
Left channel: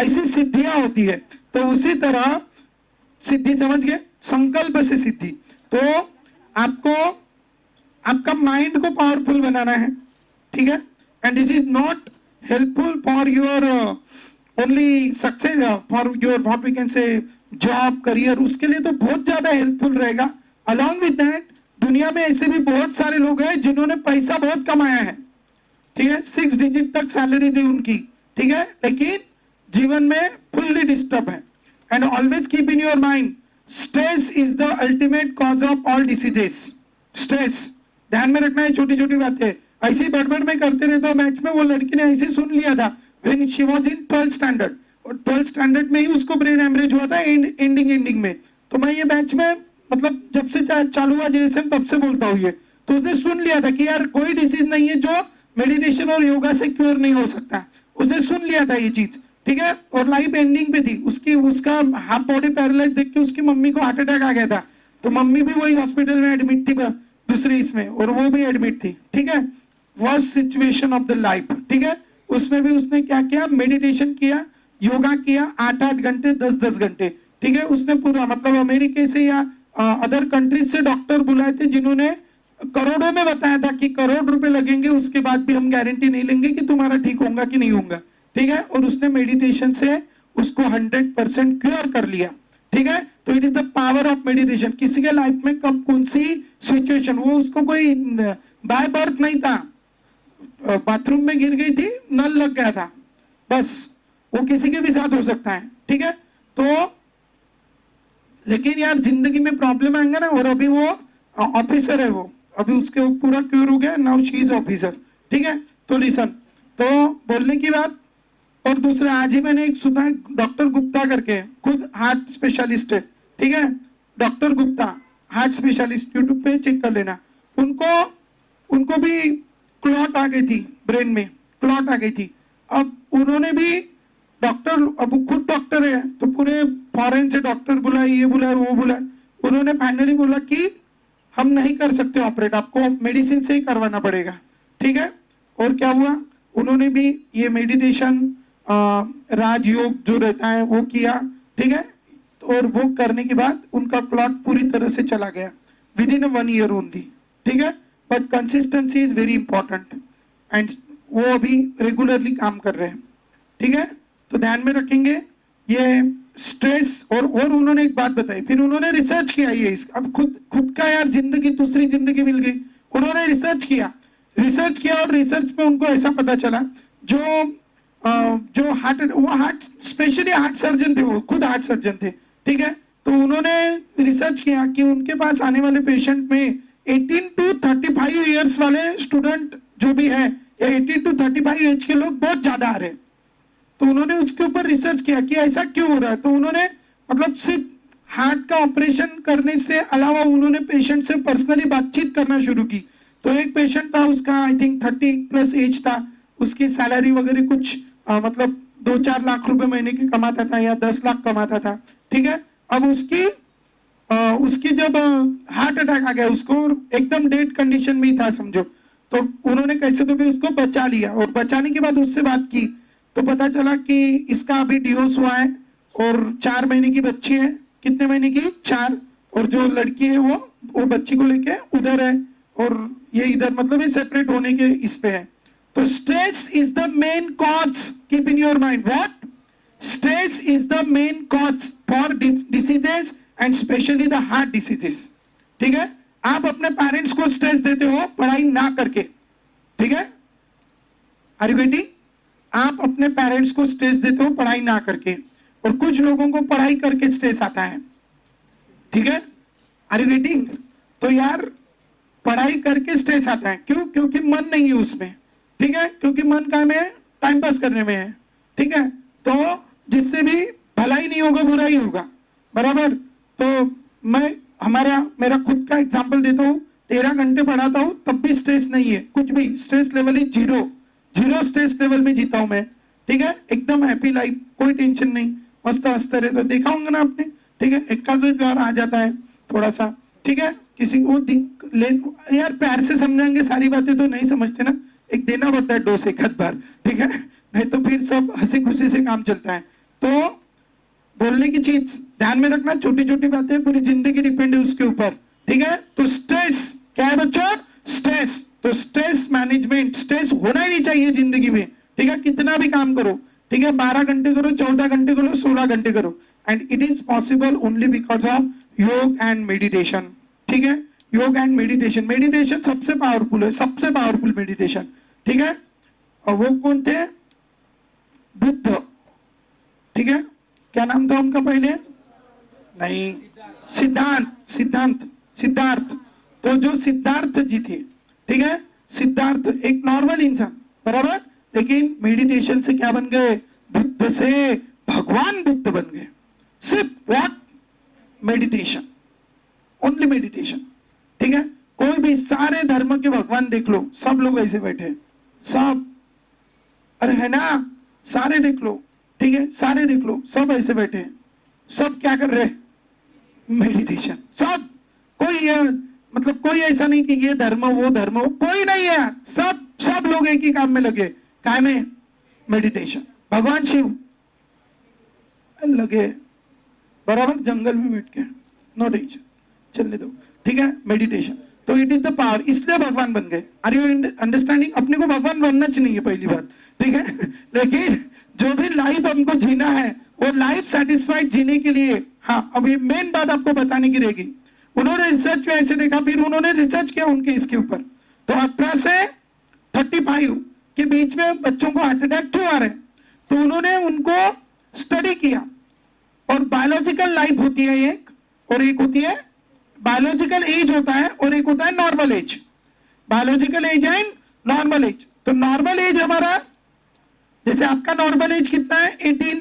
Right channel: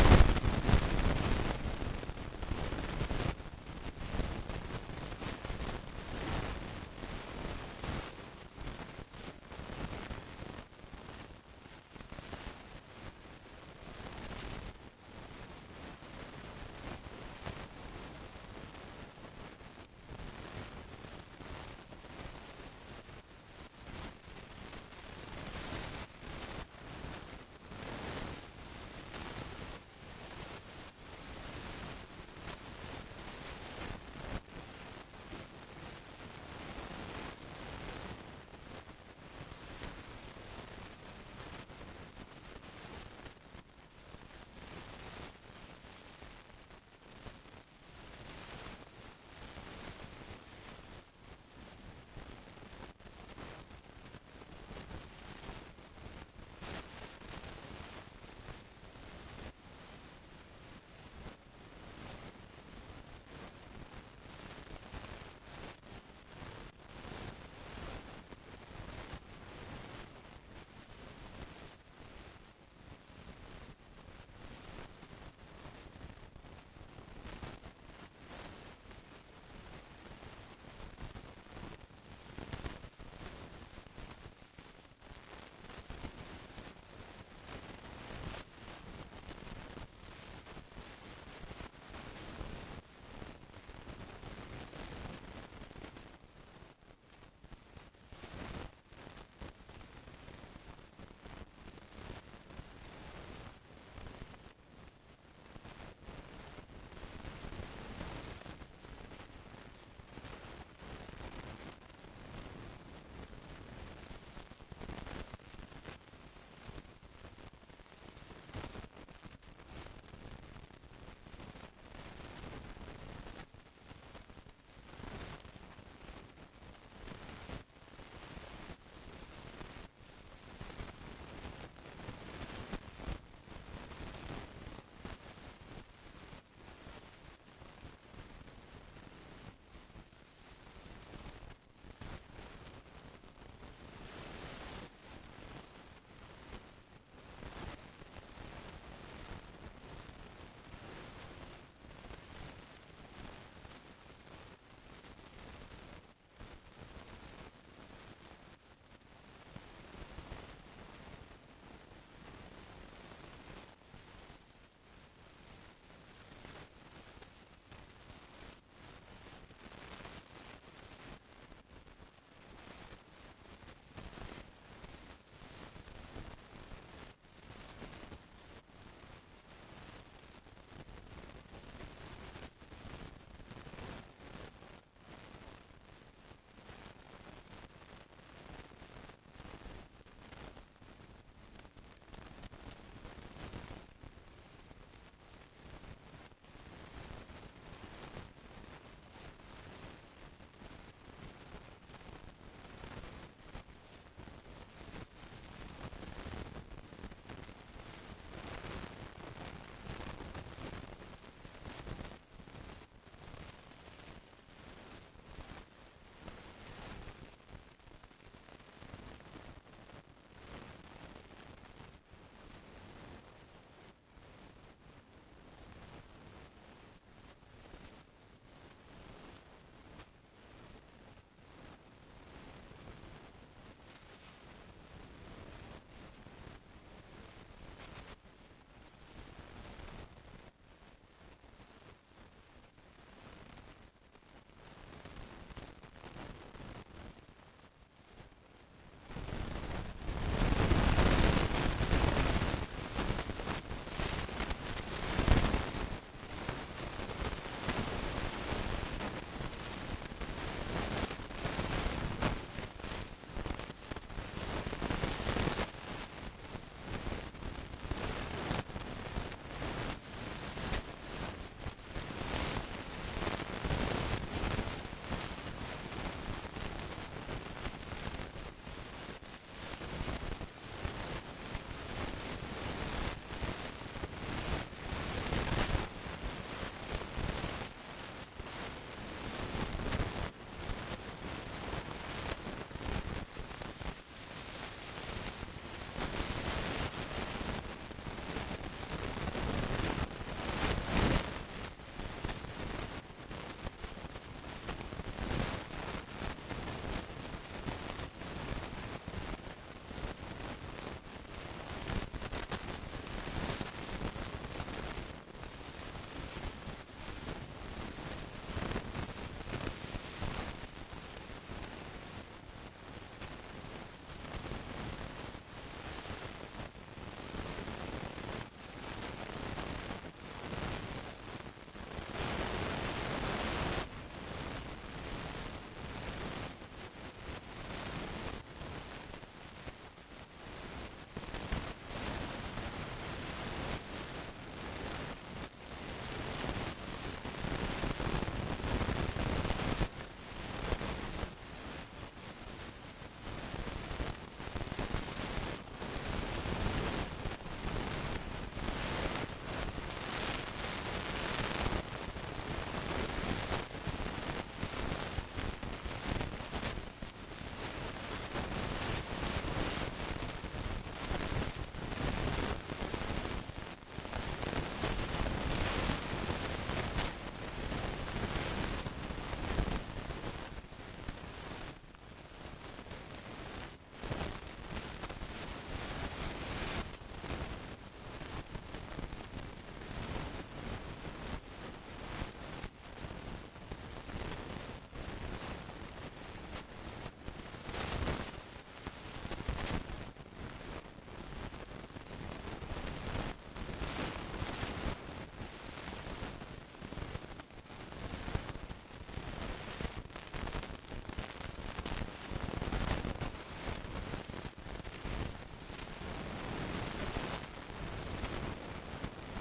ऐसी सिद्धियां होती है. तो उसी तरह सिद्धि, समझ गए? संकल्प से सिद्धि. तो आपको आपका माइंड को पावरफुल बनाना है. ठीक है, and this is not helpful for your only success, for your what we can say job, career. उसके लिए तो बहुत ज्यादा हेल्पफुल रहेगा. अलॉन्ग विद दैट, दुनिया में ऐसे भी बहुत सारे लोग हैं जिन्होंने पैसा बहुत कमाया है. ठीक है, 6 डिजिट तक सैलरी थी उनकी. ठीक है, लेकिन जीवन में फुल्ली डिस्टर्ब है. And always keep in your mind, stress is the ultimate cause of all diseases. Stress ध्यान में रखना है, छोटी छोटी बातें. ऐसी बड़बड़ में करते रहे तो मैच में वो लड़की ने ऐसे सुन लिया था when she was in 12th standard. और 12th स्टैंडर्ड में ही उसको ब्रेन हेमरेज हुआ था एंडिंग में. तो मैं ये मैच में मतलब जब से चालू हुआ जेएसएम तब से बोलता हूँ ये. तो उसने सुन लिया था कि यार कोई डिसीज नहीं है जो मेडिटेशन और योगा से क्योर नहीं हो सकता. उसने सुन लिया था ये चीज. ठीक है, और लाइफ एंडिंग पे थी उसकी. उसका हाफ बॉडी पैरालाइज देख के उसकी मम्मी को हार्ट अटैक आ गया था. तो मम्मी भी वही हॉस्पिटल में एडमिट थी दूसरी इसमें, और वो भी एडमिट थी. ठीक है, worst situation of the life. ठीक है, उसमें भी उसने क्या किया? मेडिटेशन किया, योगा किया 8-8 घंटे, 10-10 घंटे. ठीक है, उसने पूरा मतलब अमेरिका से या अदर कंट्रीज से डॉक्टर बुलाए थे जिन्होंने करोड़ों में बताया था कि करोड़ रुपए लगेंगे, उसके बाद भी हम गारंटी नहीं लेंगे कि तुम्हारा ठीक होगा कि नहीं होगा. ठीक है, और उसने मेडिटेशन से उसको 100% क्लियर कर लिया. ठीक है, तो it is the power of meditation. किसी के लाइफ में कब कौन सी सिचुएशन, वो उसको कोई बाय बर्थ नहीं था, बाथरूम में गिर गई थी, नल लग गया था, बस. वो किसी के भी साथ हो सकता है. ठीक है, तो लेकिन यार जिंदगी में प्रॉब्लम आएंगे ना, और अभी वो ऑफिसर है, वो अभी उसके वो पूरा क्योर हो गया, नाउ शी इज ऑफिसर, ठीक है। तो लिसन, तो बोलने की बात। और दूसरा, आज ही मैंने एक सुना, डॉक्टर गुप्ता करके, खुद हार्ट स्पेशलिस्ट है, ठीक है, doctor Gupta heart specialist, YouTube पे चेक कर लेना। उनको भी क्लॉट आ गई थी, ब्रेन में क्लॉट आ गई थी। अब उन्होंने भी डॉक्टर, अब वो खुद डॉक्टर है, तो पूरे फॉरेन से डॉक्टर बुलाए, ये बुलाए वो बुलाए, उन्होंने फाइनली बोला कि हम नहीं कर सकते ऑपरेट, आपको मेडिसिन से ही करवाना पड़ेगा, ठीक है। और क्या हुआ, उन्होंने भी ये मेडिटेशन, राजयोग जो रहता है वो किया, ठीक है। और वो करने के बाद उनका क्लॉट पूरी तरह से चला गया, विद इन 1 ईयर ओनली, ठीक है। But consistency is very important, and वो अभी रेगुलरली काम कर रहे हैं, ठीक है। तो ध्यान में रखेंगे ये स्ट्रेस। और उन्होंने एक बात बताई, फिर उन्होंने रिसर्च किया, ये अब खुद का यार जिंदगी, दूसरी जिंदगी मिल गई। उन्होंने रिसर्च किया और रिसर्च में उनको ऐसा पता चला, जो हार्ट स्पेशली हार्ट सर्जन थे, वो खुद हार्ट सर्जन थे, ठीक है। तो उन्होंने रिसर्च किया कि उनके पास आने वाले पेशेंट में 18 to 35 ईयर्स वाले स्टूडेंट जो भी है, या 18 to 35 एज के लोग बहुत ज्यादा आ रहे हैं। तो उन्होंने उसके ऊपर रिसर्च किया कि ऐसा क्यों हो रहा है। तो उन्होंने मतलब सिर्फ हार्ट का ऑपरेशन करने से अलावा उन्होंने पेशेंट से पर्सनली बातचीत करना शुरू की। तो एक पेशेंट था, उसका आई थिंक 30+ एज था, उसकी सैलरी वगैरह कुछ मतलब 2-4 लाख रुपए महीने की कमाता था, या 10 लाख कमाता था, ठीक है। अब उसकी जब हार्ट अटैक आ गया उसको, एकदम डेड कंडीशन में ही था समझो, तो उन्होंने कैसे तो भी उसको बचा लिया। और बचाने के बाद उससे बात की तो पता चला कि इसका अभी डिवोर्स हुआ है, और 4 महीने की बच्ची है। कितने महीने की? 4। और जो लड़की है वो बच्ची को लेके उधर है, और ये इधर, मतलब ये सेपरेट होने के इस पे है। तो stress is the main cause, keep in your mind, what? Stress is the main cause for diseases and specially the heart diseases, ठीक है। आप अपने पेरेंट्स को स्ट्रेस देते हो पढ़ाई ना करके, ठीक है। अरे बेटी, आप अपने पेरेंट्स को स्ट्रेस देते हो पढ़ाई ना करके, और कुछ लोगों को पढ़ाई करके स्ट्रेस आता है, ठीक है। अरे बेटी, तो यार पढ़ाई करके स्ट्रेस आता है क्यों? क्योंकि मन नहीं है उसमें, ठीक है, क्योंकि मन का में टाइम पास करने में है, ठीक है। तो जिससे भी भलाई नहीं होगा, बुरा ही होगा, बराबर। तो मेरा खुद का एग्जाम्पल देता हूँ, 13 घंटे पढ़ाता हूँ तब भी स्ट्रेस नहीं है, कुछ भी, स्ट्रेस लेवल ही जीरो स्ट्रेस लेवल में जीता हूँ मैं, ठीक है। एकदम हैप्पी लाइफ, कोई टेंशन नहीं, मस्त हंसते रहते। तो देखा होंगे ना आपने, ठीक है। एक बार आ जाता है थोड़ा सा, ठीक है, किसी को यार प्यार से समझाएंगे, सारी बातें तो नहीं समझते ना, एक देना पड़ता है डोज एक बार, ठीक है, नहीं तो फिर सब हंसी खुशी से काम चलता है। तो बोलने की चीज ध्यान में रखना, छोटी छोटी बातें पूरी जिंदगी डिपेंड है उसके ऊपर, ठीक है। तो स्ट्रेस क्या है बच्चों? स्ट्रेस। तो स्ट्रेस मैनेजमेंट, स्ट्रेस होना ही नहीं चाहिए जिंदगी में, ठीक है। कितना भी काम करो, ठीक है, 12 घंटे करो, 14 घंटे करो, 16 घंटे करो, and it is possible only because of योग एंड मेडिटेशन, ठीक है। योग एंड मेडिटेशन सबसे पावरफुल है, सबसे पावरफुल मेडिटेशन, ठीक है। और वो कौन थे? बुद्ध, ठीक है। क्या नाम था उनका पहले? नहीं, सिद्धार्थ। तो जो सिद्धार्थ जी थे, ठीक है, सिद्धार्थ एक नॉर्मल इंसान, बराबर, लेकिन मेडिटेशन से क्या बन गए? बुद्ध से भगवान बुद्ध बन गए। सिर्फ व्हाट? मेडिटेशन, ओनली मेडिटेशन, ठीक है। कोई भी सारे धर्म के भगवान देख लो, सब लोग ऐसे बैठे, सब, अरे है ना, सारे देख लो, ठीक है, सारे देख लो, सब ऐसे बैठे, सब क्या कर रहे? मेडिटेशन। सब, कोई मतलब कोई ऐसा नहीं कि ये धर्म वो धर्म, कोई नहीं है, सब लोग एक ही काम में लगे, क्या में? मेडिटेशन। भगवान शिव लगे बराबर जंगल में बैठे, नो टेंशन, चलने दो, ठीक है, मेडिटेशन। तो इट इज द पावर, इसलिए भगवान बन गए। Are you understanding? अपने को भगवान बनना चाहिए पहली बार, ठीक है। लेकिन जो भी लाइफ हमको जीना है, वो लाइफ सेटिस्फाइड जीने के लिए, हाँ, अभी मेन बात आपको बताने की रहेगी। उन्होंने रिसर्च में ऐसे देखा, फिर उन्होंने रिसर्च किया उनके इसके ऊपर। तो 18 से 35 के बीच में बच्चों को हार्ट अटैक क्यों आ रहे हैं? तो उन्होंने उनको स्टडी किया, और बायोलॉजिकल लाइफ होती है ये, और एक होती है बायोलॉजिकल एज होता है और एक होता है normal age. Biological age and normal age. तो नॉर्मल एज हमारा, जैसे आपका नॉर्मल एज कितना है, 18,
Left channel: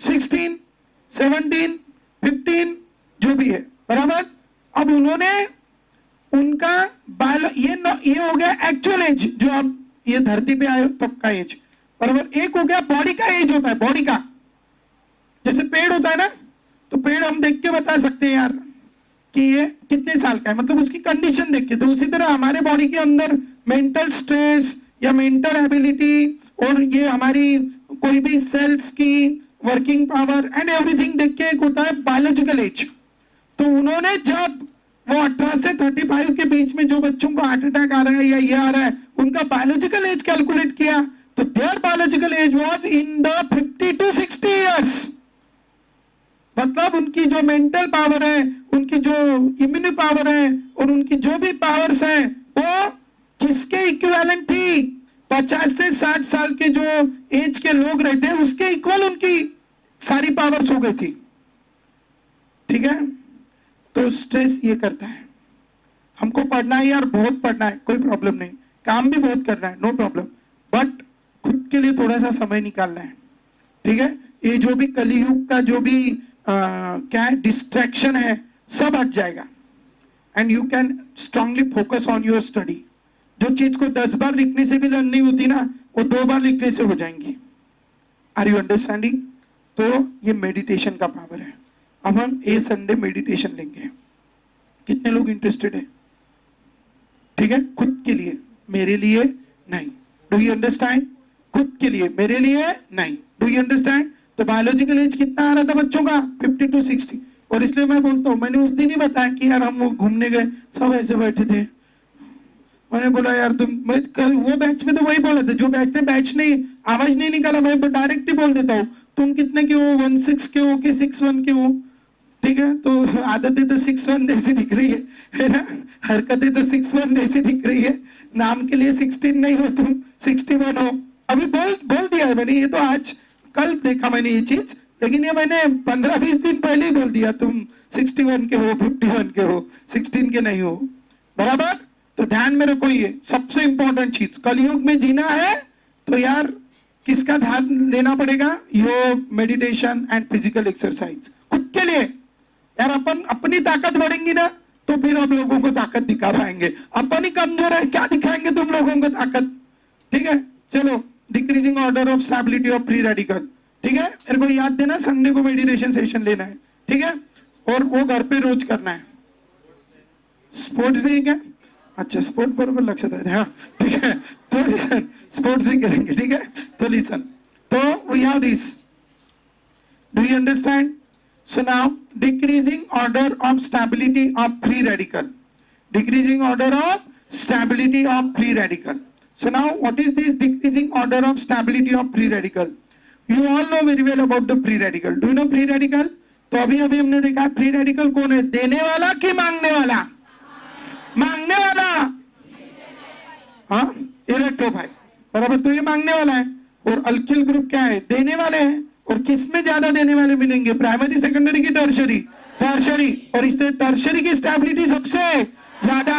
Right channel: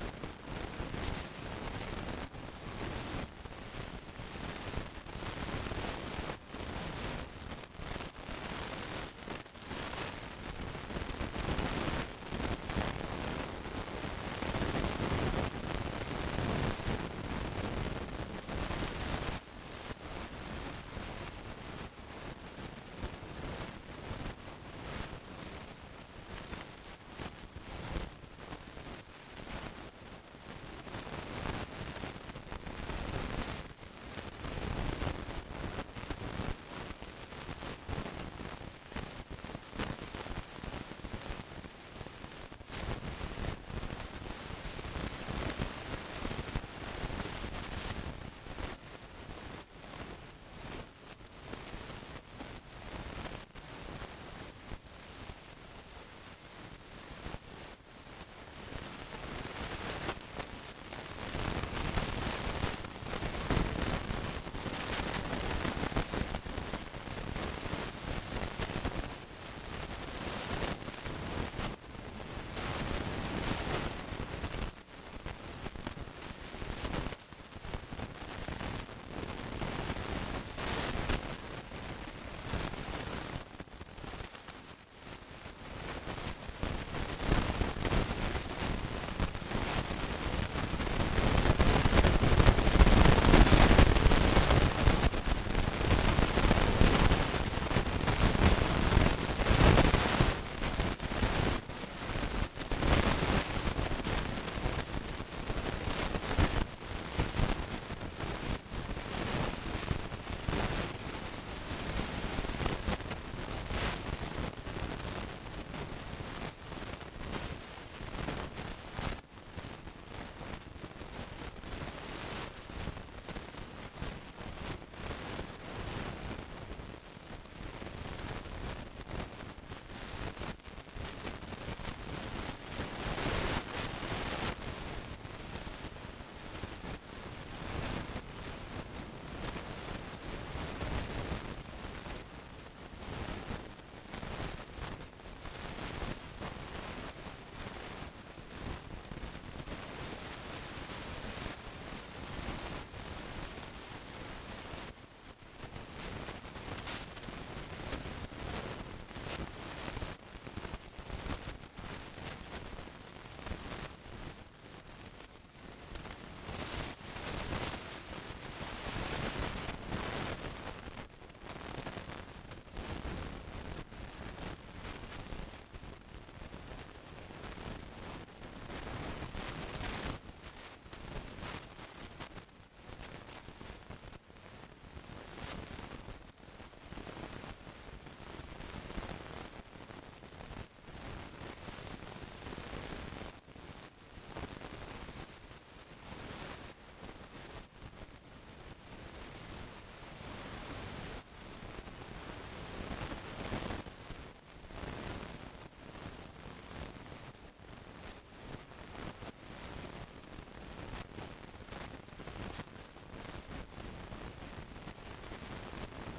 16, 17, 15 जो भी है, बराबर। अब उन्होंने उनका ये हो गया एक्चुअल एज, जो आप ये धरती पे आए तब का एज, बराबर। एक हो गया बॉडी का एज होता है, बॉडी का, जैसे पेड़ होता है ना, तो पेड़ हम देख के बता सकते हैं यार कि ये कितने साल का है, मतलब उसकी कंडीशन देख के। तो उसी तरह हमारे बॉडी के अंदर मेंटल स्ट्रेस या मेंटल एबिलिटी और ये हमारी कोई भी सेल्स की वर्किंग पावर एंड एवरीथिंग देख के एक होता है बायोलॉजिकल एज। तो उन्होंने जब वो 18 से 35 के बीच में जो बच्चों को हार्ट अटैक आ रहा है या ये आ रहा है, उनका बायोलॉजिकल एज कैलकुलेट किया, तो there biological age was in the 50 to 60 years. मतलब उनकी जो मेंटल पावर है, उनकी जो इम्यूनिटी पावर है और उनकी जो भी पावर्स हैं, वो किसके इक्विवेलेंट थी? 50 से 60 साल के जो एज के लोग रहते हैं उसके इक्वल उनकी सारी पावर्स हो गई थी। ठीक है, तो स्ट्रेस ये करता है। हमको पढ़ना है यार, बहुत पढ़ना है, कोई प्रॉब्लम नहीं, काम भी बहुत करना है, नो प्रॉब्लम, बट खुद के लिए थोड़ा सा समय निकालना है। ठीक है, ये जो भी कलयुग का जो भी क्या डिस्ट्रैक्शन है सब हट जाएगा and you can strongly focus on your study. जो चीज को 10 बार लिखने से भी लर्न नहीं होती ना, वो 2 बार लिखने से हो जाएंगी। Are you understanding? तो ये मेडिटेशन का मतलब है। अब हम ये संडे मेडिटेशन करते हैं। कितने लोग इंटरेस्टेड हैं? ठीक है, खुद के लिए, मेरे लिए नहीं। Do you understand? खुद के लिए, मेरे लिए नहीं। Do you understand? तो बायोलॉजिकल एज कितना आ रहा था बच्चों का? 50 to 60। और इसलिए मैं बोलता हूँ, मैंने उस दिन ही बताया कि यार हम लोग घूमने गए, सब ऐसे बैठे थे। मैंने बोला यार तुम, मैं कल वो बैच में तो वही बोला था, जो बैच ने बैच नहीं आवाज नहीं निकाला, मैं डायरेक्ट ही बोल देता हूँ, तुम कितने के हो? 16 के हो कि 61 के हो? ठीक है, तो आदतें तो 61 जैसी दिख रही है ना, हरकतें तो 61 जैसी दिख रही है, नाम के लिए 16 नहीं हो, तुम 61 हो। अभी बोल दिया है मैंने, ये तो आज कल देखा मैंने ये चीज, लेकिन ये मैंने 15-20 दिन पहले ही बोल दिया, तुम 61 के हो, 51 के हो, 16 के नहीं हो, बराबर। तो ध्यान में रखो, ये सबसे इंपॉर्टेंट चीज, कलयुग में जीना है तो यार किसका ध्यान लेना पड़ेगा? योग, मेडिटेशन एंड फिजिकल एक्सरसाइज। खुद के लिए यार, अपन अपनी ताकत बढ़ेंगी ना तो फिर हम लोगों को ताकत दिखा पाएंगे। अपन ही कमजोर है, क्या दिखाएंगे तुम लोगों को ताकत? ठीक है, चलो, decreasing order of stability of free radical. ठीक है, मेरे को याद देना, संडे को मेडिटेशन सेशन लेना है। ठीक है, और वो घर पे रोज करना है। स्पोर्ट्स भी है क्या? अच्छा, स्पोर्ट बरोबर लक्षात रहते हैं, हाँ ठीक है। तो लिसन, स्पोर्ट्स भी करेंगे, ठीक है। तो लिसन, तो we have this, do you understand? So now decreasing order of stability of free radical, decreasing order of stability of free radical. So now what is this decreasing order of stability of free radical? You all know very well about the free radical. Do you know free radical? तो अभी हमने देखा free radical कौन है, देने वाला कि मांगने वाला? मांगने वाला, हाँ, इलेक्ट्रोफाइल, बराबर। तो ये मांगने वाला है, और अल्किल ग्रुप क्या है? देने वाले हैं। और किस में ज्यादा देने वाले मिलेंगे? प्राइमरी, सेकेंडरी की टर्शरी? टर्शरी। और इसमें टर्शरी की स्टेबिलिटी सबसे ज्यादा,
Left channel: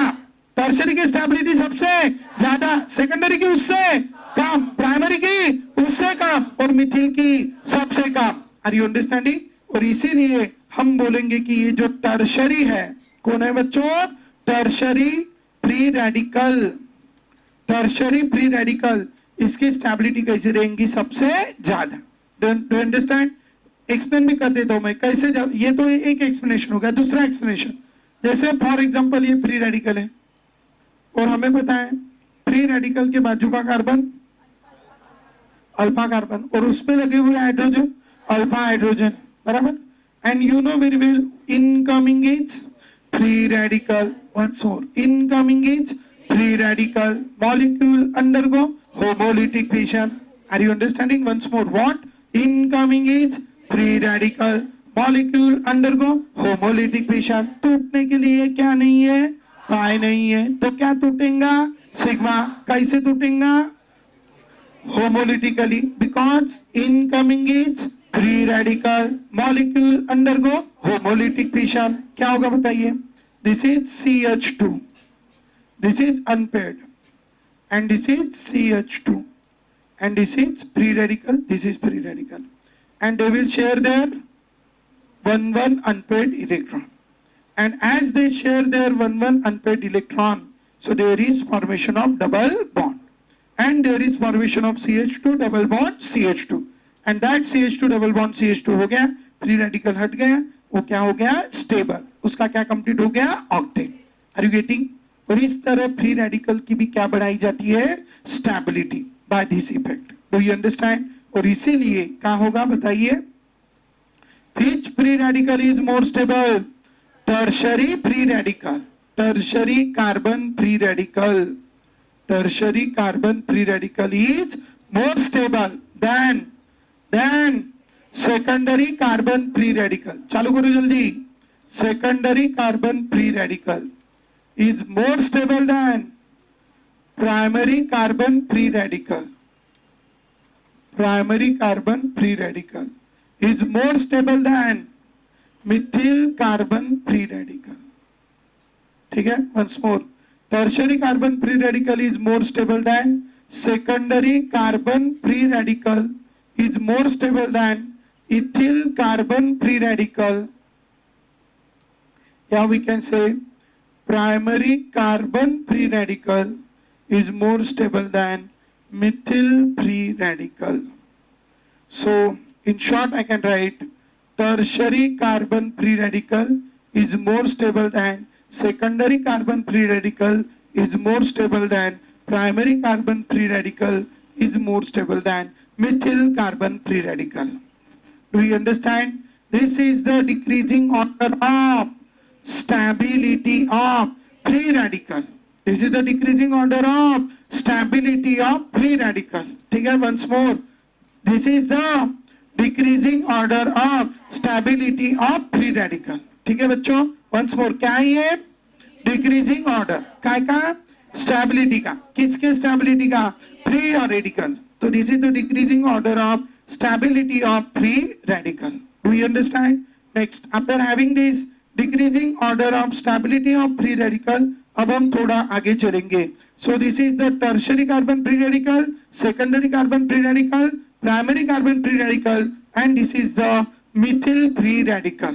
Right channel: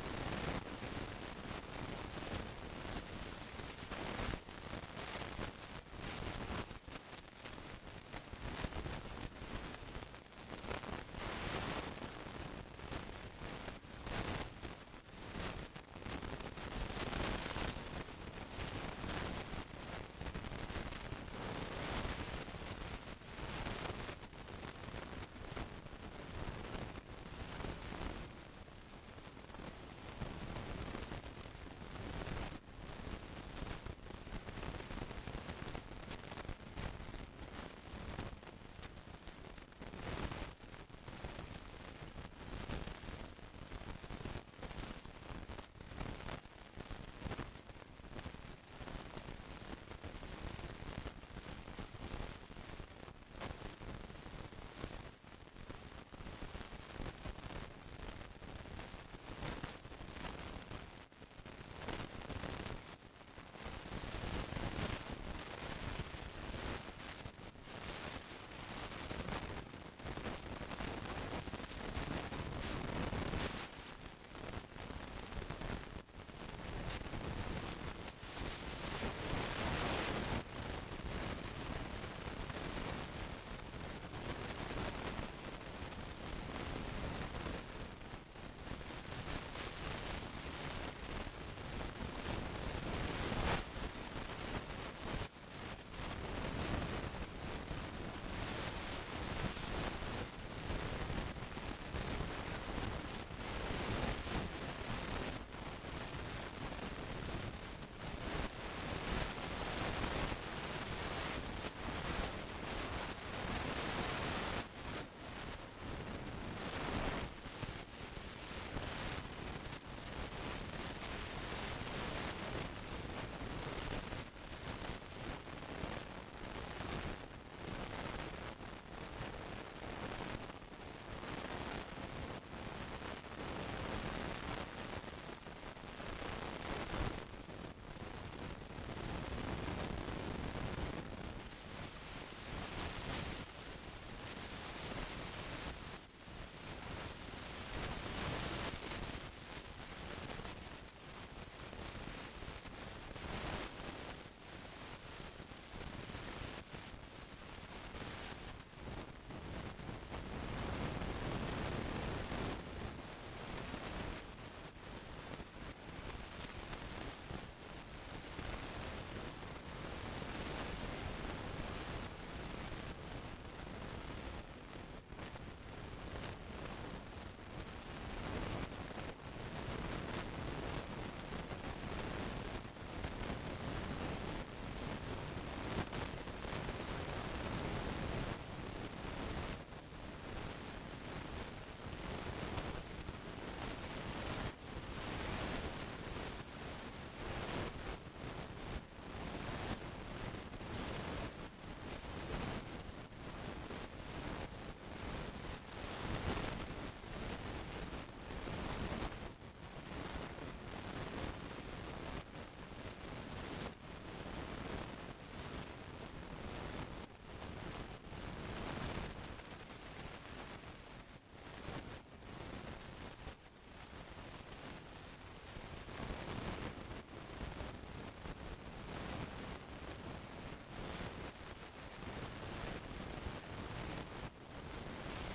टर्शरी की स्टेबिलिटी सबसे ज्यादा, सेकेंडरी की उससे कम, प्राइमरी की उससे कम, और मिथिल की सबसे कम। Are you understanding? और इसीलिए हम बोलेंगे कि ये जो टर्शरी है, कौन है बच्चों? Tertiary free radical. Tertiary free radical, इसकी स्टेबिलिटी कैसे रहेंगी? सबसे ज्यादा। Do understand? एक्सप्लेन भी कर देता हूं मैं कैसे। जब ये तो एक एक्सप्लेनेशन हो गया, दूसरा एक्सप्लेनेशन, जैसे फॉर एग्जांपल ये फ्री रेडिकल है और हमें पता है फ्री रेडिकल के बाजू का कार्बन अल्फा कार्बन, और उस पे लगे हुए हाइड्रोजन अल्फा हाइड्रोजन, बराबर। And you know very well incoming is free radical, once more, incoming is free radical, molecule undergo homolytic fission. Are you understanding? Once more, what? Incoming is free radical, molecule undergo homolytic fission। टूटने के लिए क्या नहीं है? पाई नहीं है, तो क्या टूटेगा? सिग्मा। कैसे टूटेगा? Homolytically, because incoming is free radical, molecule undergo homolytic fission, क्या होगा बताइए? This is CH2, this is unpaired, and this is CH2, and this is free radical, this is free radical, and they will share their 1 unpaired electron, and as they share their 1 unpaired electron, so there is formation of double bond, and there is formation of CH2 double bond CH2, and that CH2 double bond CH2 हो गया, free radical हट गया, वो क्या हो गया? Stable, उसका क्या कंप्लीट हो गया? ऑक्टेट। Are you getting? और इस तरह फ्री रेडिकल की भी क्या बढ़ाई जाती है? Stability by this effect. Do you understand? और इसीलिए क्या होगा बताइए? Which free radical is more stable? Tertiary free radical, tertiary carbon free radical, tertiary carbon free radical is more stable than secondary carbon free radical. चालू करो जल्दी। Secondary carbon free radical is more stable than primary carbon free radical. Primary carbon free radical is more stable than methyl carbon free radical. ठीक है? Once more, tertiary carbon free radical is more stable than secondary carbon free radical is more stable than ethyl carbon free radical. Yeah, we can say primary carbon free radical is more stable than methyl free radical. So in short I can write tertiary carbon free radical is more stable than secondary carbon free radical is more stable than primary carbon free radical is more stable than methyl carbon free radical. Do you understand? This is the decreasing order of stability of free radical. This is the decreasing order of stability of free radical. ठीक है? Once more, this is the decreasing order of stability of free radical. ठीक है बच्चों? Once more, क्या है ये? Decreasing order का stability का, किसके stability का? Free और radical. तो this is the decreasing order of stability of free radical. Do you understand? Next, after having this decreasing order of stability of free radical, अब हम थोड़ा आगे चलेंगे. So this is the tertiary carbon free radical, secondary carbon free radical, primary carbon free radical, and this is the methyl free radical.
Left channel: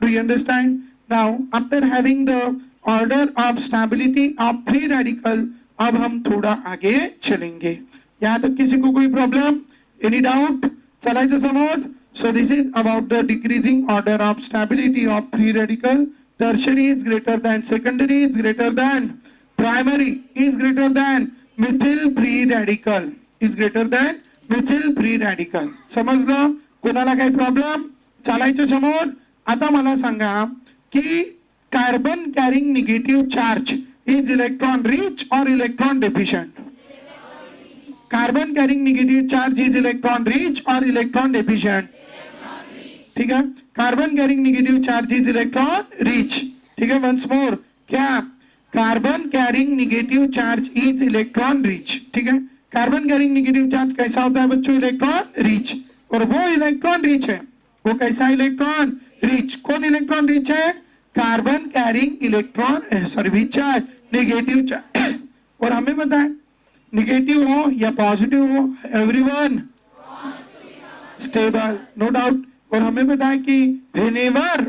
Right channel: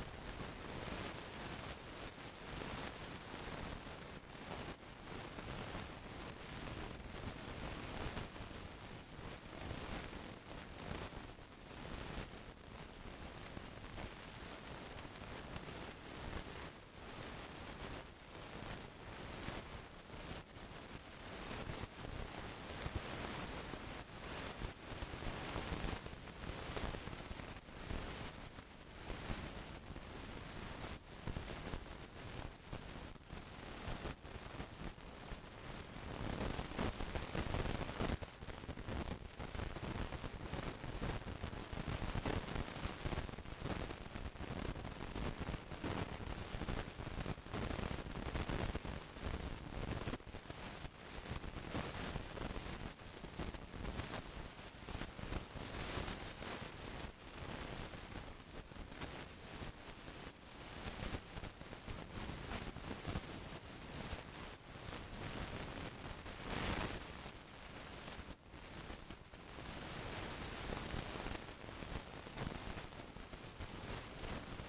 Do you understand? Now, after having the order of stability of free radical, अब हम थोड़ा आगे चलेंगे. यहाँ तक किसी को कोई प्रॉब्लम? Any doubt? चलाइए समोर. So this is about the decreasing order of stability of free radical. Tertiary is greater than secondary is greater than primary is greater than methyl free radical is greater than methyl free radical. समजलं? कोणाला काही problem? चालायचं समोर. आता मला सांगा की carbon carrying negative charge is electron rich और electron deficient? Carbon carrying negative charge is electron rich और इलेक्ट्रॉन डेफिशिएंट? ठीक है? Carbon carrying negative charge is electron rich. ठीक है? वंस मोर, क्या? Carbon carrying negative charge is electron rich. ठीक है? Carbon carrying negative charge कैसा होता है बच्चों? Electron rich. और वो इलेक्ट्रॉन रिच है, वो कैसा इलेक्ट्रॉन रिच? कौन इलेक्ट्रॉन रिच है? Carbon carrying electron sorry charge negative charge. और हमें पता है नेगेटिव हो या पॉजिटिव हो, एवरीवन स्टेबल, नो डाउट. और हमें पता है कि whenever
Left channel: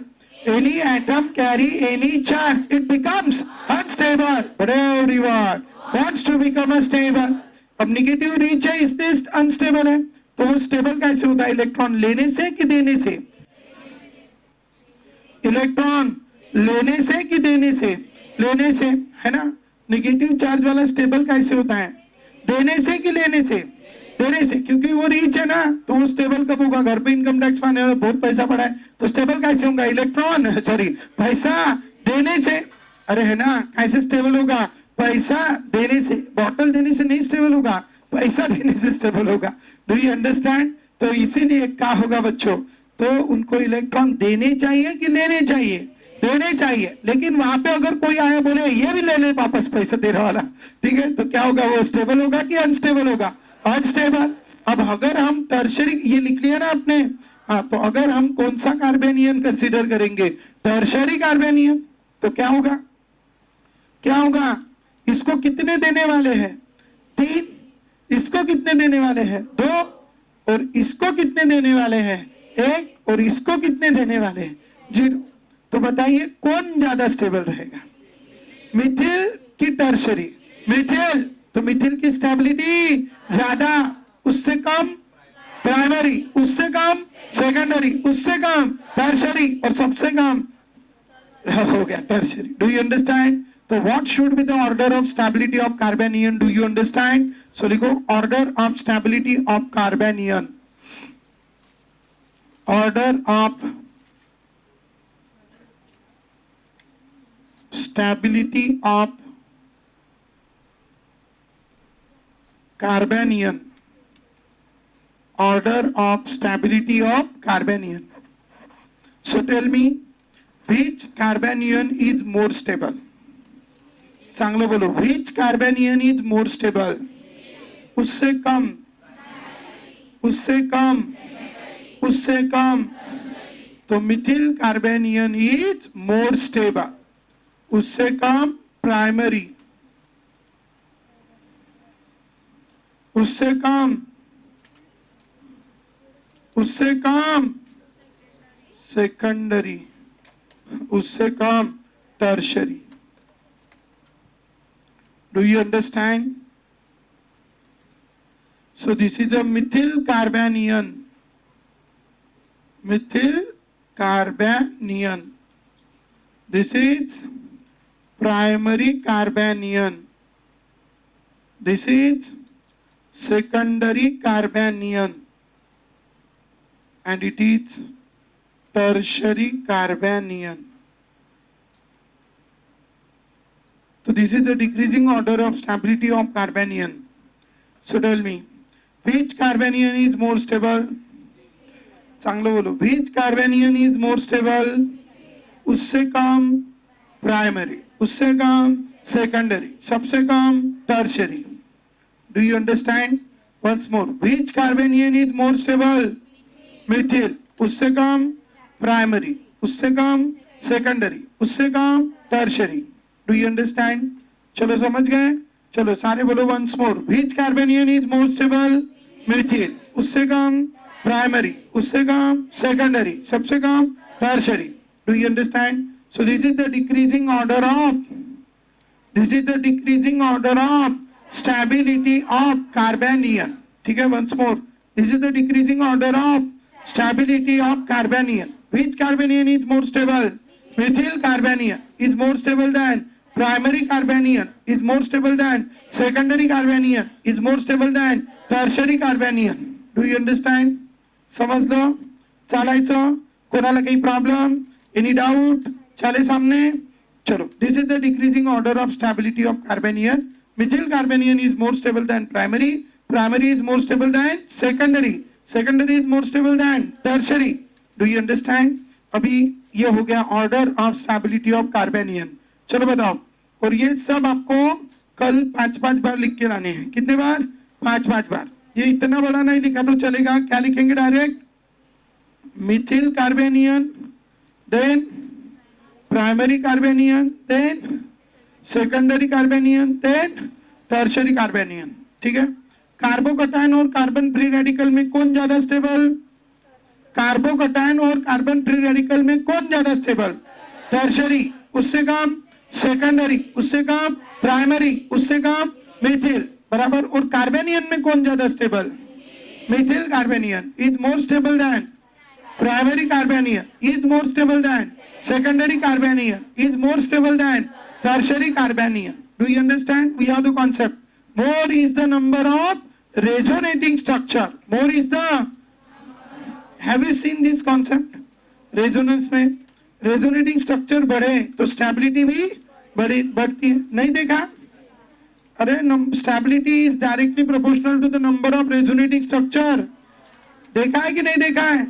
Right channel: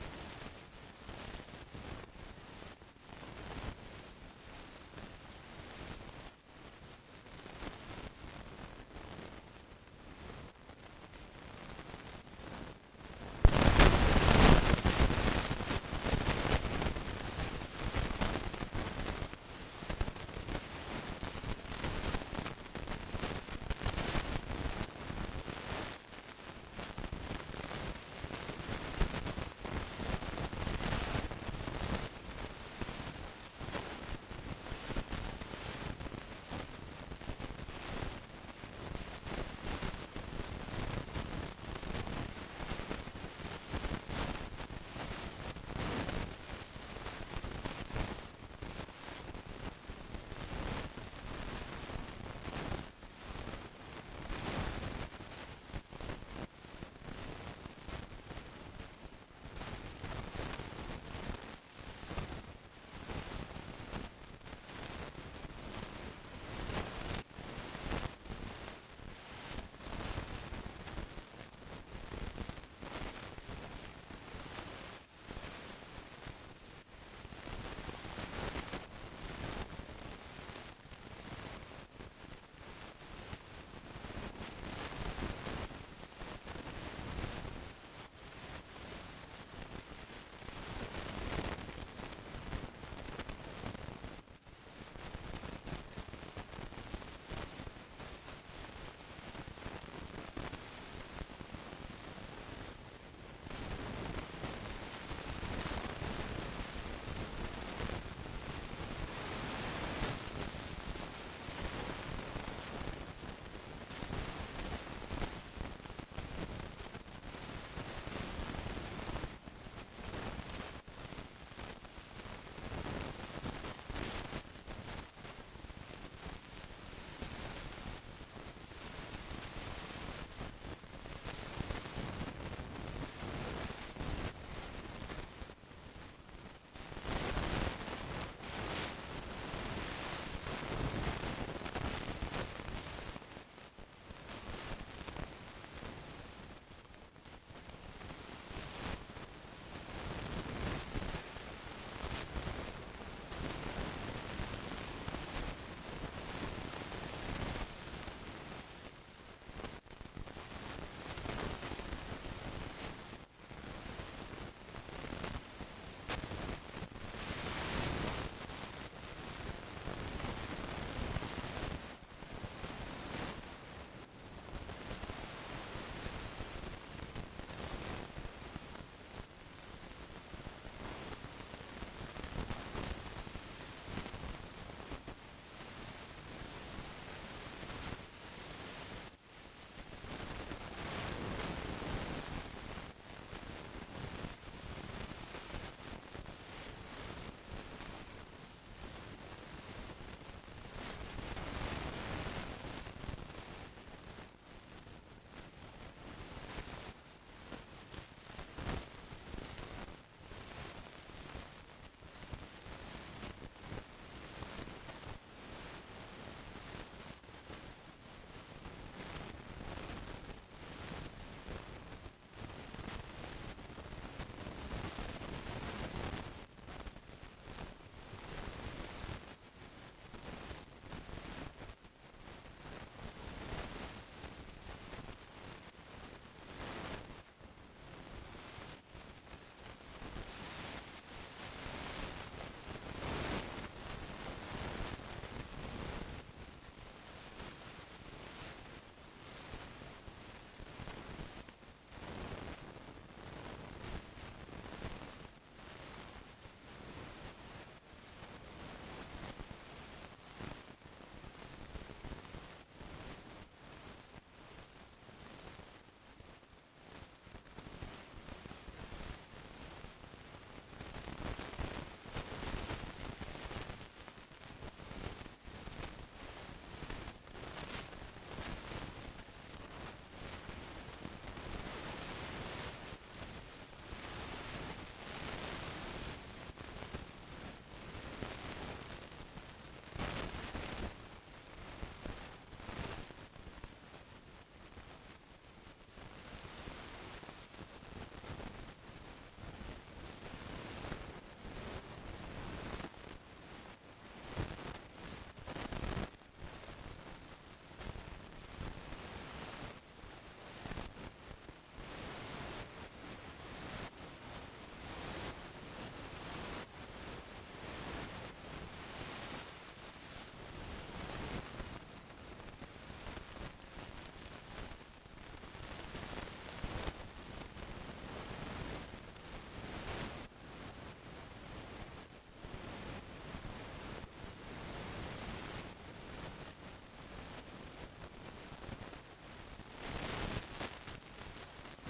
any atom carry any charge it becomes unstable, but everyone wants to become unstable. अब नेगेटिव रीच है इसलिए अनस्टेबल है. तो वो स्टेबल कैसे होता है? इलेक्ट्रॉन लेने से कि देने से? इलेक्ट्रॉन लेने से कि देने से? लेने से, है ना? नेगेटिव चार्ज वाला स्टेबल कैसे होता है? देने से कि लेने से? देने से, क्योंकि वो रीच है ना. तो वो स्टेबल कब होगा? घर पे इनकम टैक्स माने बहुत पैसा पड़ा है, तो स्टेबल कैसे होगा? इलेक्ट्रॉन सॉरी पैसा देने से. अरे है ना, कैसे स्टेबल होगा? पैसा देने से. बॉटल देने से नहीं स्टेबल होगा, पैसा देने से स्टेबल होगा. Do you understand? तो इसीलिए क्या होगा बच्चों? तो उनको इलेक्ट्रॉन देने चाहिए कि लेने चाहिए? देने चाहिए. लेकिन वहां पे अगर कोई आया बोले ये भी ले ले वापस पैसा देने वाला, ठीक है, तो क्या होगा? वो स्टेबल होगा कि अनस्टेबल होगा? अनस्टेबल. अब अगर हम टर्शियरी, ये लिख लिया ना आपने, हाँ, तो अगर हम कौन सा कार्बेनियन कंसीडर करेंगे, टर्शरी कार्बेनियन, तो क्या होगा, क्या होगा, इसको कितने देने वाले हैं, 3, इसको कितने देने वाले हैं, 2, और इसको कितने देने वाले हैं, 1, और इसको कितने देने वाले हैं, 0। तो बताइए कौन ज्यादा स्टेबल रहेगा, मिथिल की टर्शरी, मिथिल, तो मिथिल की स्टेबिलिटी ज्यादा, उससे कम प्राइमरी, उससे कम सेकेंडरी, उससे कम टर्शरी, और सबसे कम हो गया टर्शरी। Do you understand? तो what should be the order of stability of carbanion, do you understand? So लिखो order of stability of carbanion, order of stability of carbanion, order of stability of carbanion. So tell me which carbanion is more stable, चांगलं बोलो, which carbanion is more stable, उससे कम, उससे कम, उससे कम, तो methyl carbanion is more stable, उससे कम प्राइमरी, उससे कम, उससे कम सेकेंडरी, उससे कम tertiary. Do you understand? So this is a methyl carbanion, methyl carbanion, this is primary carbanion, this is secondary carbanion, and it is tertiary carbanion. So this is the decreasing order of stability of carbanion. So tell me which carbanion is more stable, चांगलं बोलो, which carbanion is more stable, उससे कम primary, उससे कम secondary, सबसे कम tertiary. Do you understand? Once more, which carbanion is more stable, methyl, उससे कम प्राइमरी, उससे कम सेकेंडरी, उससे कम टर्शरी। Do you understand? चलो समझ गए, चलो सारे बोलो once more, which carbanion is more stable, methyl, उससे कम प्राइमरी, उससे कम सेकेंडरी, सबसे कम tertiary. Do you understand? So this is the decreasing order of, this is the decreasing order of stability of carbanion. ठीक है, once more, this is the decreasing order of stability of carbanion. Which carbanion is more stable? Methyl carbanion is more stable than primary carbanion, is more stable than secondary carbanion, is more stable than tertiary carbanion. Do you understand? समझ लो, चालायचं, कोणाला काही problem, any doubt, चले सामने, चलो। This is the decreasing order of stability of carbanion, methyl carbanion is more stable than primary, primary is more stable than secondary, secondary is more stable than tertiary. Do you understand? अभी ये हो गया order of stability of carbanion. चलो बताओ, और ये सब आपको कल 5-5 बार लिख के लाने हैं। कितने बार? 5-5 बार। ये इतना बड़ा नहीं लिखा तो चलेगा, क्या लिखेंगे direct, methyl carbanion, then primary carbanion, then secondary carbanion, then tertiary carbanion। ठीक है, कार्बोकटायन और कार्बन फ्री रेडिकल में कौन ज्यादा स्टेबल, कार्बोकटायन और कार्बन फ्री रेडिकल में कौन ज्यादा स्टेबल, टर्शरी, उससे कम सेकेंडरी, उससे कम प्राइमरी, उससे कम मिथिल, बराबर। और कार्बेनियन में कौन ज्यादा stable, methyl carbanion is more stable than primary carbanion, is more stable than secondary carbanion, is more stable than tertiary carbanion. Do you understand? We have the concept. More is the number of resonating structure. More is the, have you seen this concept? Resonance में resonating structure बढ़े तो stability भी बढ़ती है, नहीं देखा? अरे stability is directly proportional to the number of resonating structure। देखा है कि नहीं देखा है?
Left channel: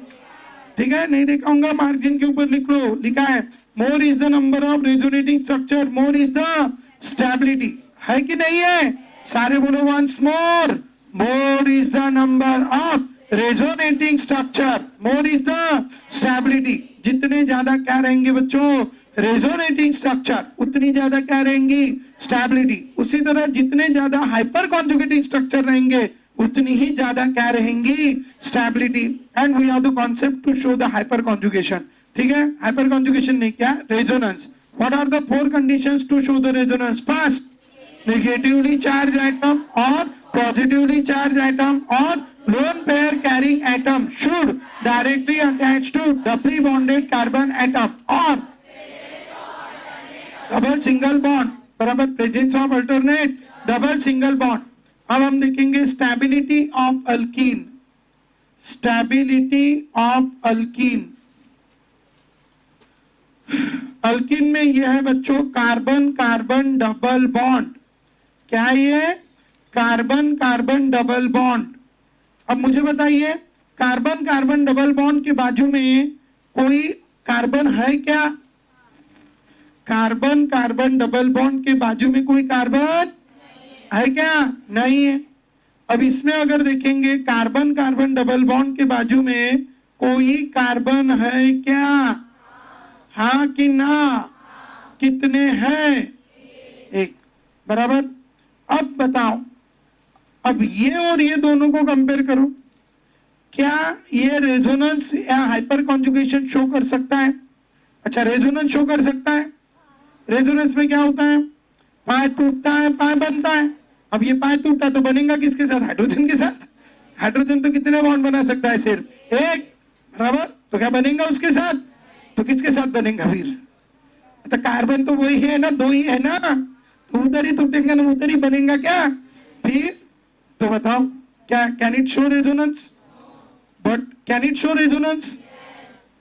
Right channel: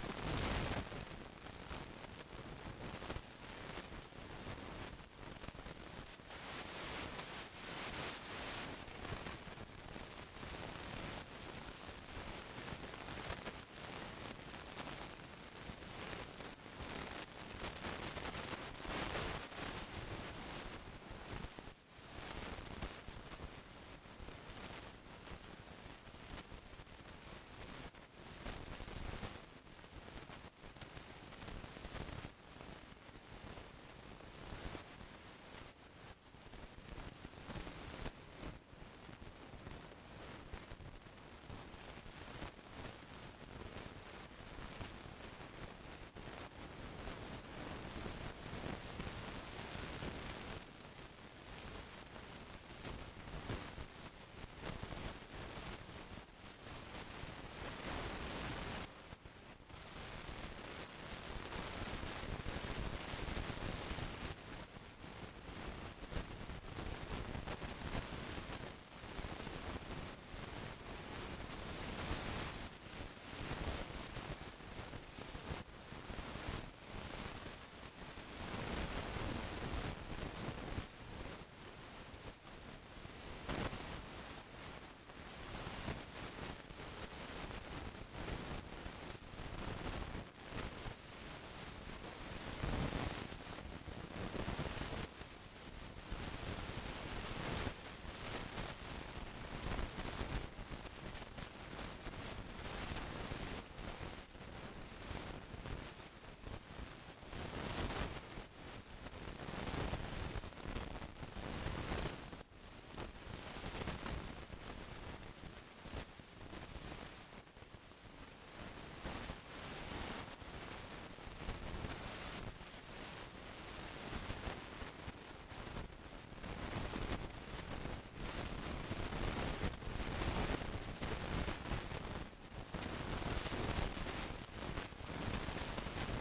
ठीक है, नहीं देखा होगा मार्जिन के ऊपर लिख लो, लिखा है more is the number of resonating structure, more is the stability. है कि नहीं है? सारे बोलो once more, more is the number of resonating structure, more is the stability. जितने ज्यादा क्या रहेंगे बच्चों, रेजोनेटिंग स्ट्रक्चर, उतनी ज्यादा क्या रहेंगी, स्टेबिलिटी। उसी तरह जितने ज्यादा हाइपर कॉन्जुगेटिंग स्ट्रक्चर रहेंगे उतनी ही ज्यादा क्या रहेंगी, stability. And we have the concept to show the hyperconjugation. ठीक है, हाइपर कॉन्जुगेशन नहीं, क्या, resonance. What are the 4 conditions to show the resonance? First, negatively charged atom or positively charged atom or lone pair carrying atom should directly attach to doubly bonded carbon atom or double single bond, बराबर, presence of alternate double single bond। अब हम देखेंगे stability of alkene, stability of alkene। Alkyne में यह है बच्चों carbon carbon double bond. क्या है ये, कार्बन कार्बन डबल बॉन्ड। अब मुझे बताइए, कार्बन कार्बन डबल बॉन्ड के बाजू में कोई कार्बन है क्या? कार्बन कार्बन डबल बॉन्ड के बाजू में कोई कार्बन है क्या? नहीं है। अब इसमें अगर देखेंगे कार्बन कार्बन डबल बॉन्ड के बाजू में कोई कार्बन है क्या? हाँ कि ना? कितने हैं? एक, बराबर। अब बताओ, अब ये और ये दोनों को कंपेयर करो, क्या ये रेजोनेंस या हाइपर कॉन्जुगेशन शो कर सकता है? अच्छा, रेजोनेंस शो कर सकता है। रेजोनेंस में क्या होता है, पाए टूटता है, पाए बनता है। अब ये पाए टूटा तो बनेगा किसके साथ, हाइड्रोजन के साथ। हाइड्रोजन तो कितने बॉन्ड बना सकता है, सिर्फ एक, बराबर। तो क्या बनेगा उसके साथ, तो किसके साथ बनेगा फिर? तो कार्बन तो वही है ना, दो ही है ना, तो उधर ही टूटेगा ना, उधर ही बनेगा क्या फिर? तो बताओ, क्या can it show resonance? What can it show resonance?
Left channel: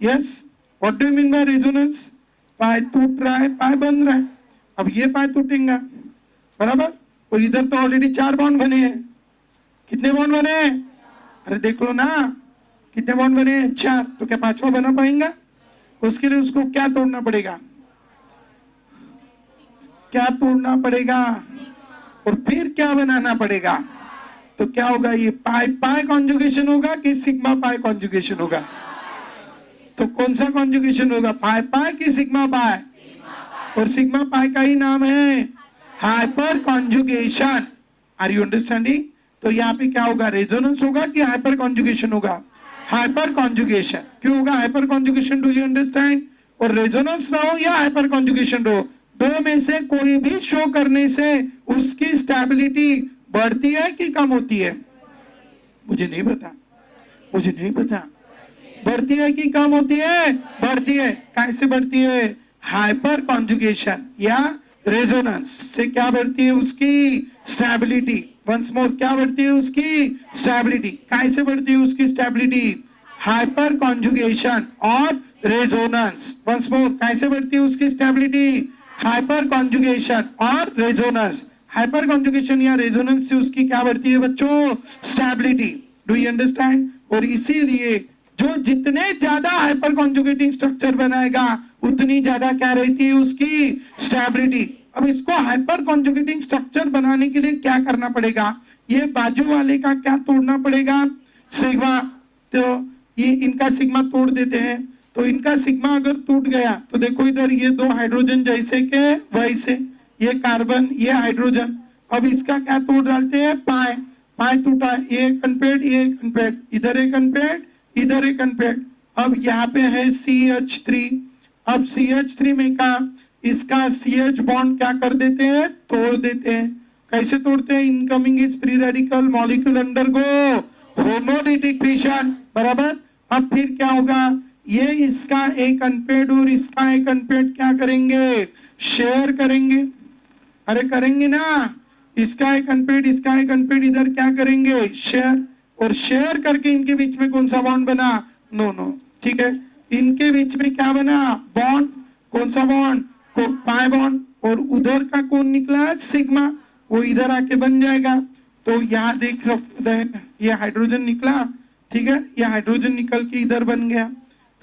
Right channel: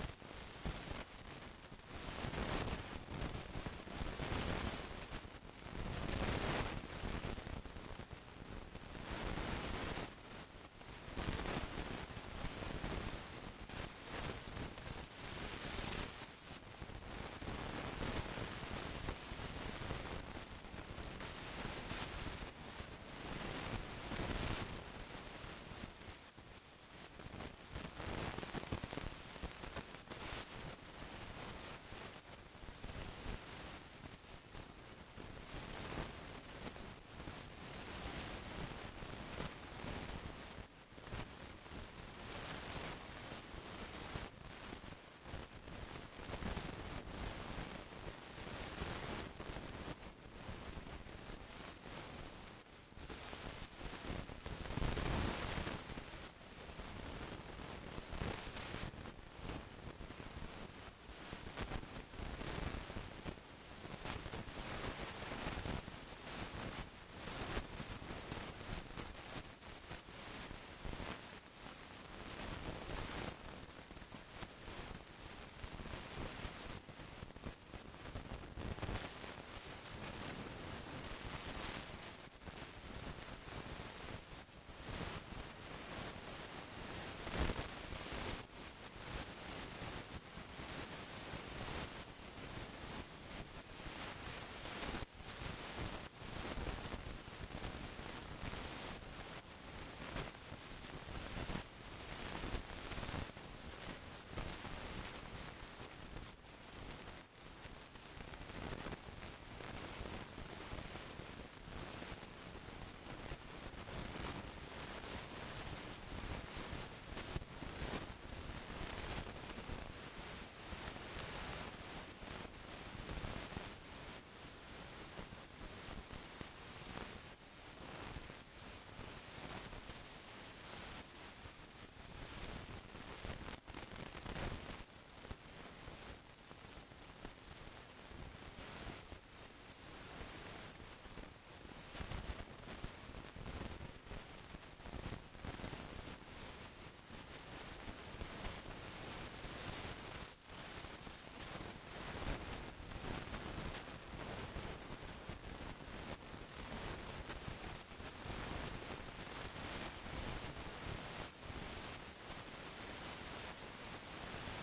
Yes. What do you mean by resonance? पाए टूट रहा है, पाए बन रहा है। अब ये पाए टूटेगा, बराबर, और इधर तो ऑलरेडी 4 बॉन्ड बने हैं। कितने बॉन्ड बने? अरे देख लो ना, कितने बॉन्ड बने? 4। तो क्या 5वां बना पाएंगा? तो उसके लिए उसको क्या तोड़ना पड़ेगा, क्या तोड़ना पड़ेगा, और फिर क्या बनाना पड़ेगा? तो क्या होगा, ये पाई पाई कॉन्जुगेशन होगा कि सिग्मा पाई कॉन्जुगेशन होगा? तो कौन सा कॉन्जुगेशन होगा, पाई पाई कि सिग्मा पाई? और सिग्मा पाई का ही नाम है hyperconjugation. Are you understanding? तो यहाँ पे क्या होगा, रेजोनेंस होगा कि हाइपर कॉन्जुगेशन होगा? Hyperconjugation. क्यों होगा hyperconjugation, do you understand? और रेजोनेंस ना हो या हाइपर कॉन्जुगेशन हो, दो में से कोई भी शो करने से उसकी स्टेबिलिटी बढ़ती है कि कम होती है? मुझे नहीं पता, मुझे नहीं पता। बढ़ती है कि कम होती है? बढ़ती है। कैसे बढ़ती है? हाइपर कॉन्जुगेशन या रेजोनेंस से क्या बढ़ती है, उसकी स्टेबिलिटी। वंस मोर, क्या बढ़ती है उसकी स्टेबिलिटी? कैसे बढ़ती है उसकी स्टेबिलिटी? हाइपर कॉन्जुगेशन और रेजोनेंस। वंस मोर, कैसे बढ़ती है उसकी स्टेबिलिटी? हाइपर कॉन्जुगेशन और रेजोनेंस। हाइपर कॉन्जुगेशन या रेजोनेंस से उसकी क्या बढ़ती है बच्चों? स्टेबिलिटी। Do you understand? और इसीलिए जो जितने ज्यादा हाइपर कॉन्जुगेटिंग स्ट्रक्चर बनाएगा उतनी ज्यादा क्या रहती है उसकी स्टेबिलिटी। अब इसको हाइपर कॉन्जुगेटिंग स्ट्रक्चर बनाने के लिए क्या करना पड़ेगा? ये बाजू वाले का क्या तोड़ना पड़ेगा? सिग्मा। तो ये इनका सिग्मा तोड़ देते हैं। तो इनका सिग्मा अगर टूट गया तो देखो इधर ये 2 हाइड्रोजन जैसे के वैसे, ये कार्बन, ये हाइड्रोजन। अब इसका क्या तोड़ डालते हैं, पाए। पाए टूटा, ये कनपेड, ये कनपेड, इधर एक कनपेड, इधर एक कनपेड। अब यहाँ पे है CH3। अब CH3 में का इसका CH बॉन्ड क्या कर देते हैं, तोड़ देते हैं। कैसे तोड़ते हैं? Incoming is free radical, molecule undergo homolytic fission, बराबर। अब फिर क्या होगा, ये इसका एक अनपेड और इसका एक अनपेड क्या करेंगे, शेयर करेंगे। अरे करेंगे ना, इसका एक अनपेड, इसका एक अनपेड, इधर क्या करेंगे, शेयर। और शेयर करके इनके बीच में कौन सा बॉन्ड बना, नो नो, ठीक है, इनके बीच में क्या बना, बॉन्ड। कौन सा बॉन्ड, पाई बॉन्ड। और उधर का कौन निकला, सिग्मा, वो इधर आके बन जाएगा। तो यहाँ देख ये हाइड्रोजन निकला, ठीक है, ये हाइड्रोजन निकल के इधर बन गया।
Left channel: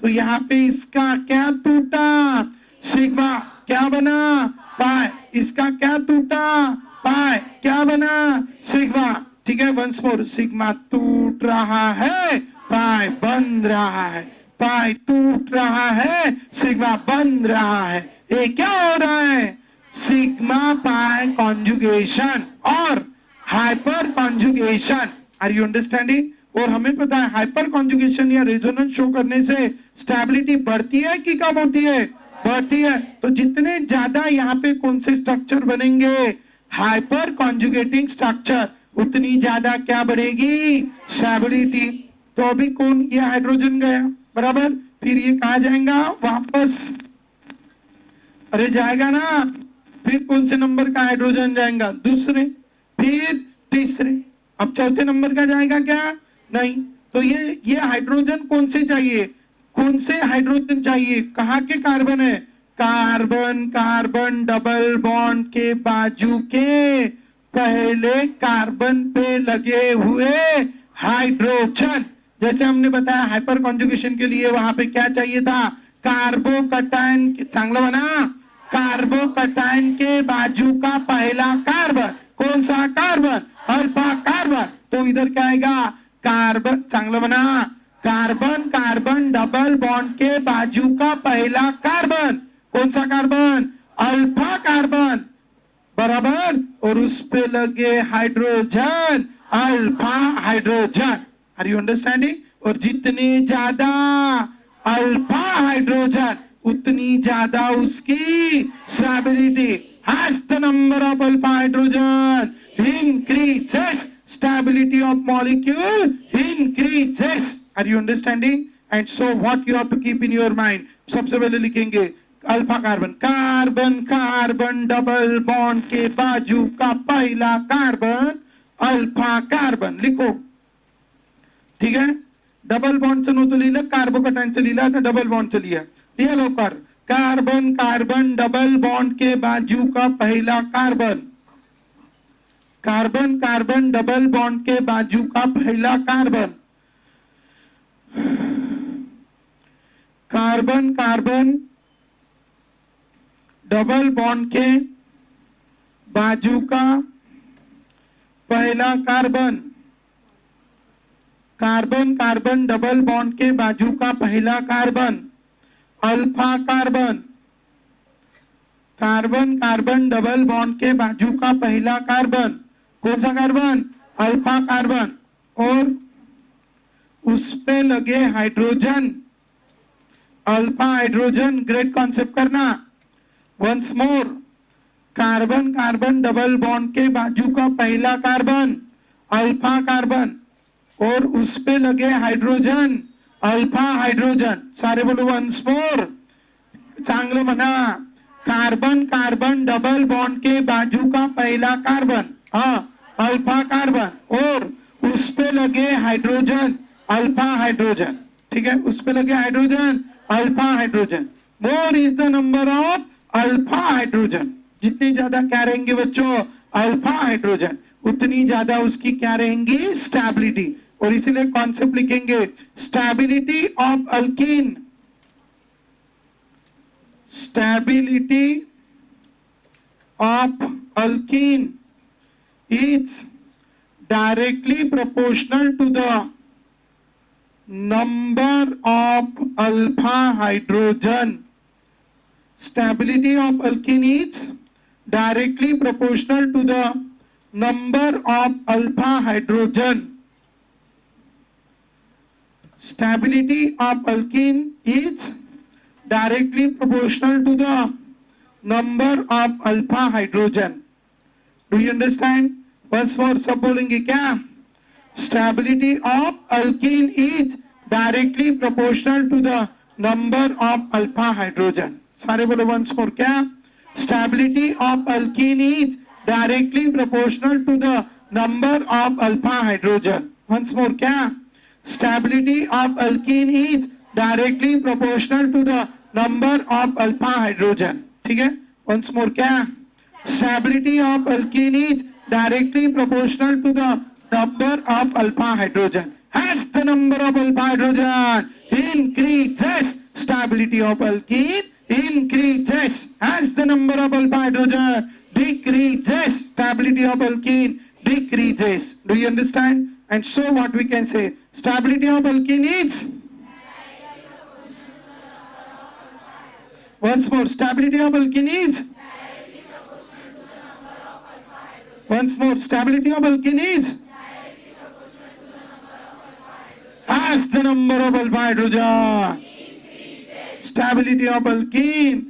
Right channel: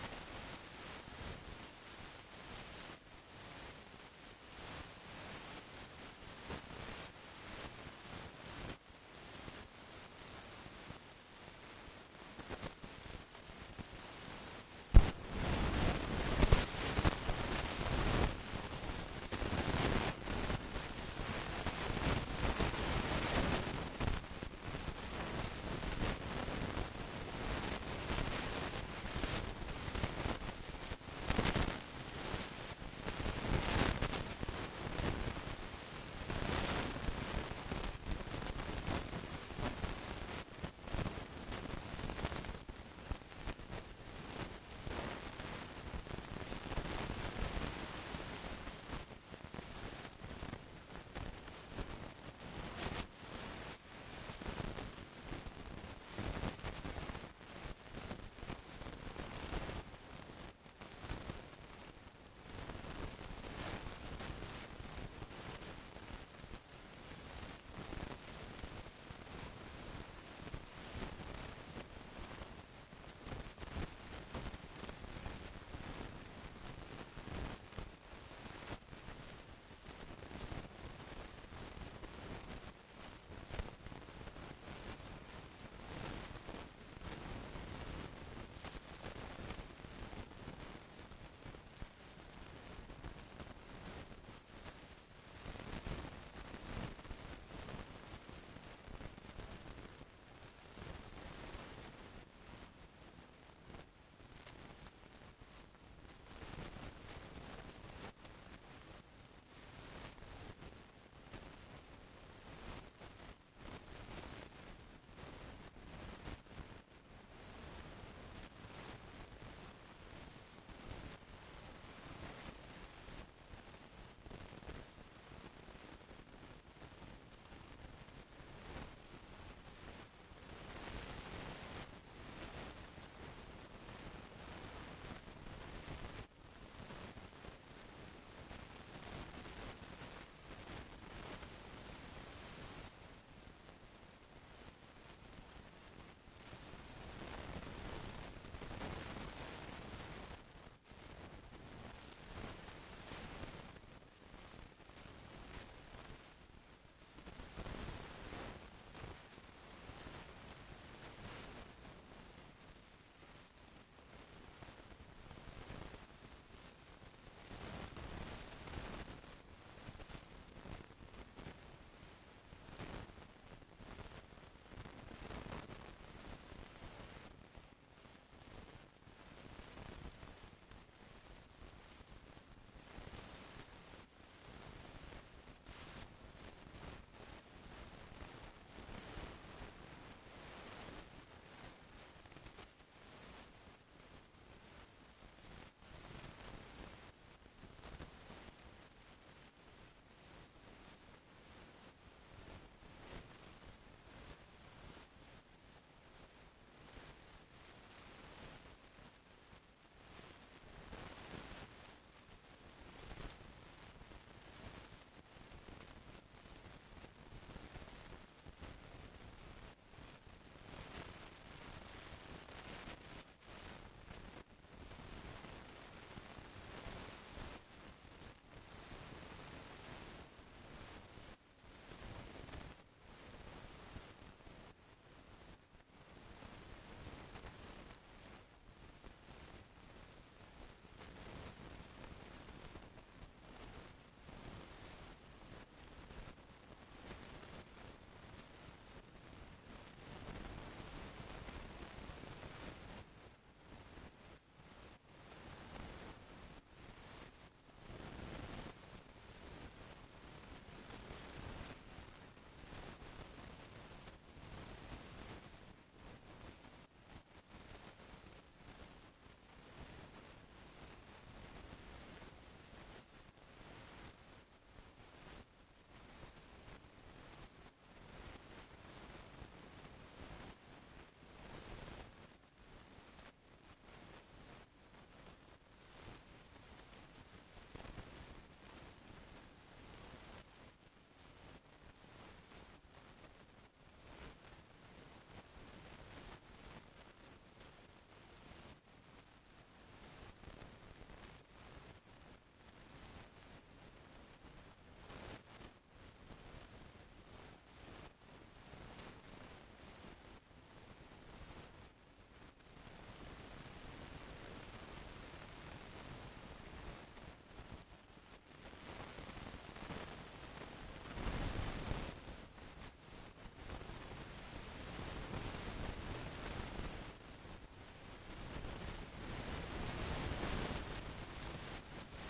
तो यहाँ पे इसका क्या टूटा, सिग्मा, क्या बना, पाई। इसका क्या टूटा, पाई, क्या बना, सिग्मा। ठीक है, वंस मोर, सिग्मा टूट रहा है, पाई बंध रहा है, पाई टूट रहा है, सिग्मा बंध रहा है। ये क्या हो रहा है? सिग्मा पाई कॉन्जुगेशन और hyperconjugation. Are you understanding? और हमें पता है हाइपर कॉन्जुगेशन या रेजोनेंस शो करने से स्टेबिलिटी बढ़ती है कि कम होती है? बढ़ती है। तो जितने ज्यादा यहाँ पे कौन से स्ट्रक्चर बनेंगे? हाइपर कॉन्जुगेटिंग स्ट्रक्चर, उतनी ज्यादा क्या बढ़ेगी? स्टेबिलिटी। तो अभी कौन? ये हाइड्रोजन गया, बराबर। फिर ये कहा जाएगा? वापस, अरे जाएगा ना। फिर कौन से नंबर का हाइड्रोजन जाएगा? दूसरे, फिर तीसरे। अब चौथे नंबर का जाएगा क्या? नहीं। तो ये हाइड्रोजन कौन से चाहिए? कौन से हाइड्रोजन चाहिए? कहाँ के कार्बन है? कार्बन कार्बन डबल बॉन्ड के बाजू के पहले कार्बन पे लगे हुए हाइड्रोजन। जैसे हमने बताया हाइपर कॉन्जुगेशन के लिए वहां पे क्या चाहिए था? कार्बोकटायन। चांगला बना। कार्बोकटायन के बाजू का पहला कार्बन कौन सा? Carbon, alpha carbon. तो इधर क्या आएगा? कार्बन, चांगला बना। कार्बन कार्बन डबल बॉन्ड के बाजू का पहला कार्बन कौन सा? कार्बन, अल्फा कार्बन, बराबर। और उस पे लगे hydrogen, alpha hydrogen. Are you understanding? और जितने ज्यादा अल्फा हाइड्रोजन उतनी ज्यादा उसकी stability. As the number of alpha hydrogen increases, stability of molecule increases. Are you understanding? And so what you have to keep in your mind? सबसे पहले लिखेंगे alpha carbon, carbon carbon double bond के बाजू का पहला carbon alpha carbon लिखो, ठीक है। डबल बॉन्डचं नव्हतं लिहिलं, कार्बोकटायनचं लिहिलं, आता डबल बॉन्डचं लिहा। लिहा लवकर, कार्बन कार्बन डबल बॉन्ड के बाजू का पहला carbon, carbon carbon double bond के बाजू का पहला carbon, carbon carbon double bond के बाजू का पहला carbon, carbon carbon double bond के बाजू का पहला carbon alpha carbon, carbon carbon double bond के बाजू का पहला कार्बन कौन सा कार्बन? Alpha carbon. और उस पे लगे hydrogen, alpha hydrogen. Great concept करना। Once more, carbon carbon double bond के बाजू का पहला कार्बन अल्फा कार्बन और उस पे लगे हाइड्रोजन, अल्फा हाइड्रोजन। सारे बोलो वंस मोर, चांगलं म्हणा। कार्बन कार्बन डबल बॉन्ड के बाजू का पहला कार्बन, हाँ, अल्फा कार्बन और उस पे लगे हाइड्रोजन, अल्फा हाइड्रोजन, ठीक है। उस पे लगे hydrogen, alpha hydrogen. More is the number of alpha hydrogen. जितनी ज्यादा क्या रहेंगे बच्चों? अल्फा हाइड्रोजन, उतनी ज्यादा उसकी क्या रहेंगी? स्टेबिलिटी। और इसीलिए कॉन्सेप्ट लिखेंगे stability of alkyne, stability of alkyne is directly proportional to the number of alpha hydrogen. Stability of alkene is directly proportional to the number of alpha hydrogen. Stability of alkene is directly proportional to the number of alpha hydrogen. Do you understand? बस और सब बोलेंगे क्या? Stability of alkene is directly proportional to the number of alpha hydrogen. सारे बोलो once more क्या? Stability of alkene is directly proportional to the number of alpha hydrogen. Once more क्या? Stability of alkene is directly proportional to the number of alpha hydrogen. ठीक है? Once more क्या? Stability of alkene is directly proportional to the number of alpha hydrogen. As the number of alpha hydrogen increases, stability of alkene increases. As the number of alpha hydrogen decreases, stability of alkene decreases. Do you understand? And so what we can say, stability of alkene is, once more, stability of alkene is, once more, stability of alkene is as the number of alpha hydrogen. Stability of alkene.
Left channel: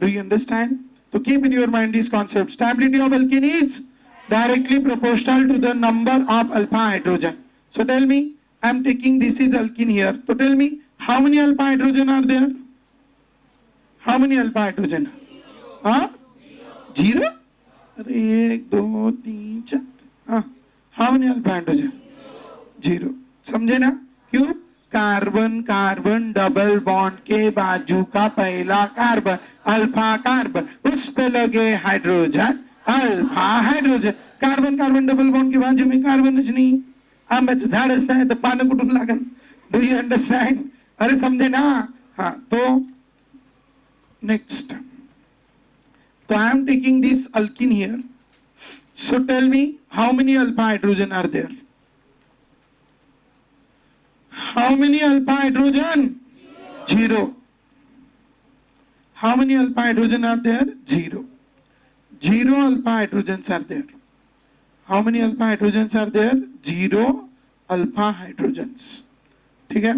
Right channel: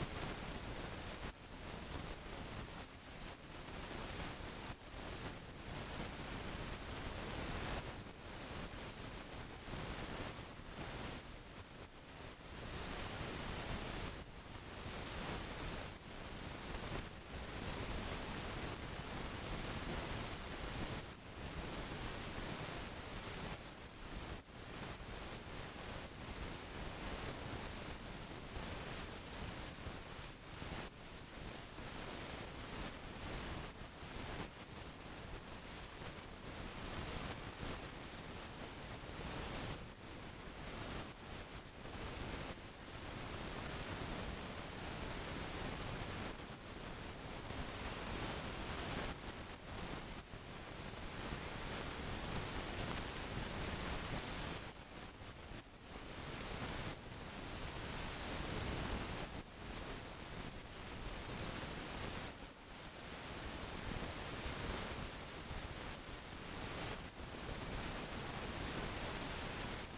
Do you understand? So keep in your mind this concept. Stability of alkene is directly proportional to the number of alpha hydrogen. So tell me, I am taking this is alkene here. So tell me, how many alpha hydrogen are there? How many alpha hydrogen? Huh? Zero? एक दो तीन चार. हाँ. How many alpha hydrogen? Zero. समझे ना? क्यों? Carbon carbon double bond के बाजू का पहला कार्बन अल्फा कार्बन, उस पे लगे hydrogen alpha hydrogen. Carbon carbon double bond के बाजू में कार्बन नहीं. आंब्याचं झाड असतं तर पानं कुठून लागल? Do you understand? अरे समझे ना? हाँ. तो next. So I am taking this alkene here. So tell me, how many alpha hydrogen are there? How many alpha hydrogen? Zero. How many alpha hydrogen are there? Zero. Zero alpha hydrogens are there. How many alpha hydrogens are there? Zero alpha hydrogens. Okay?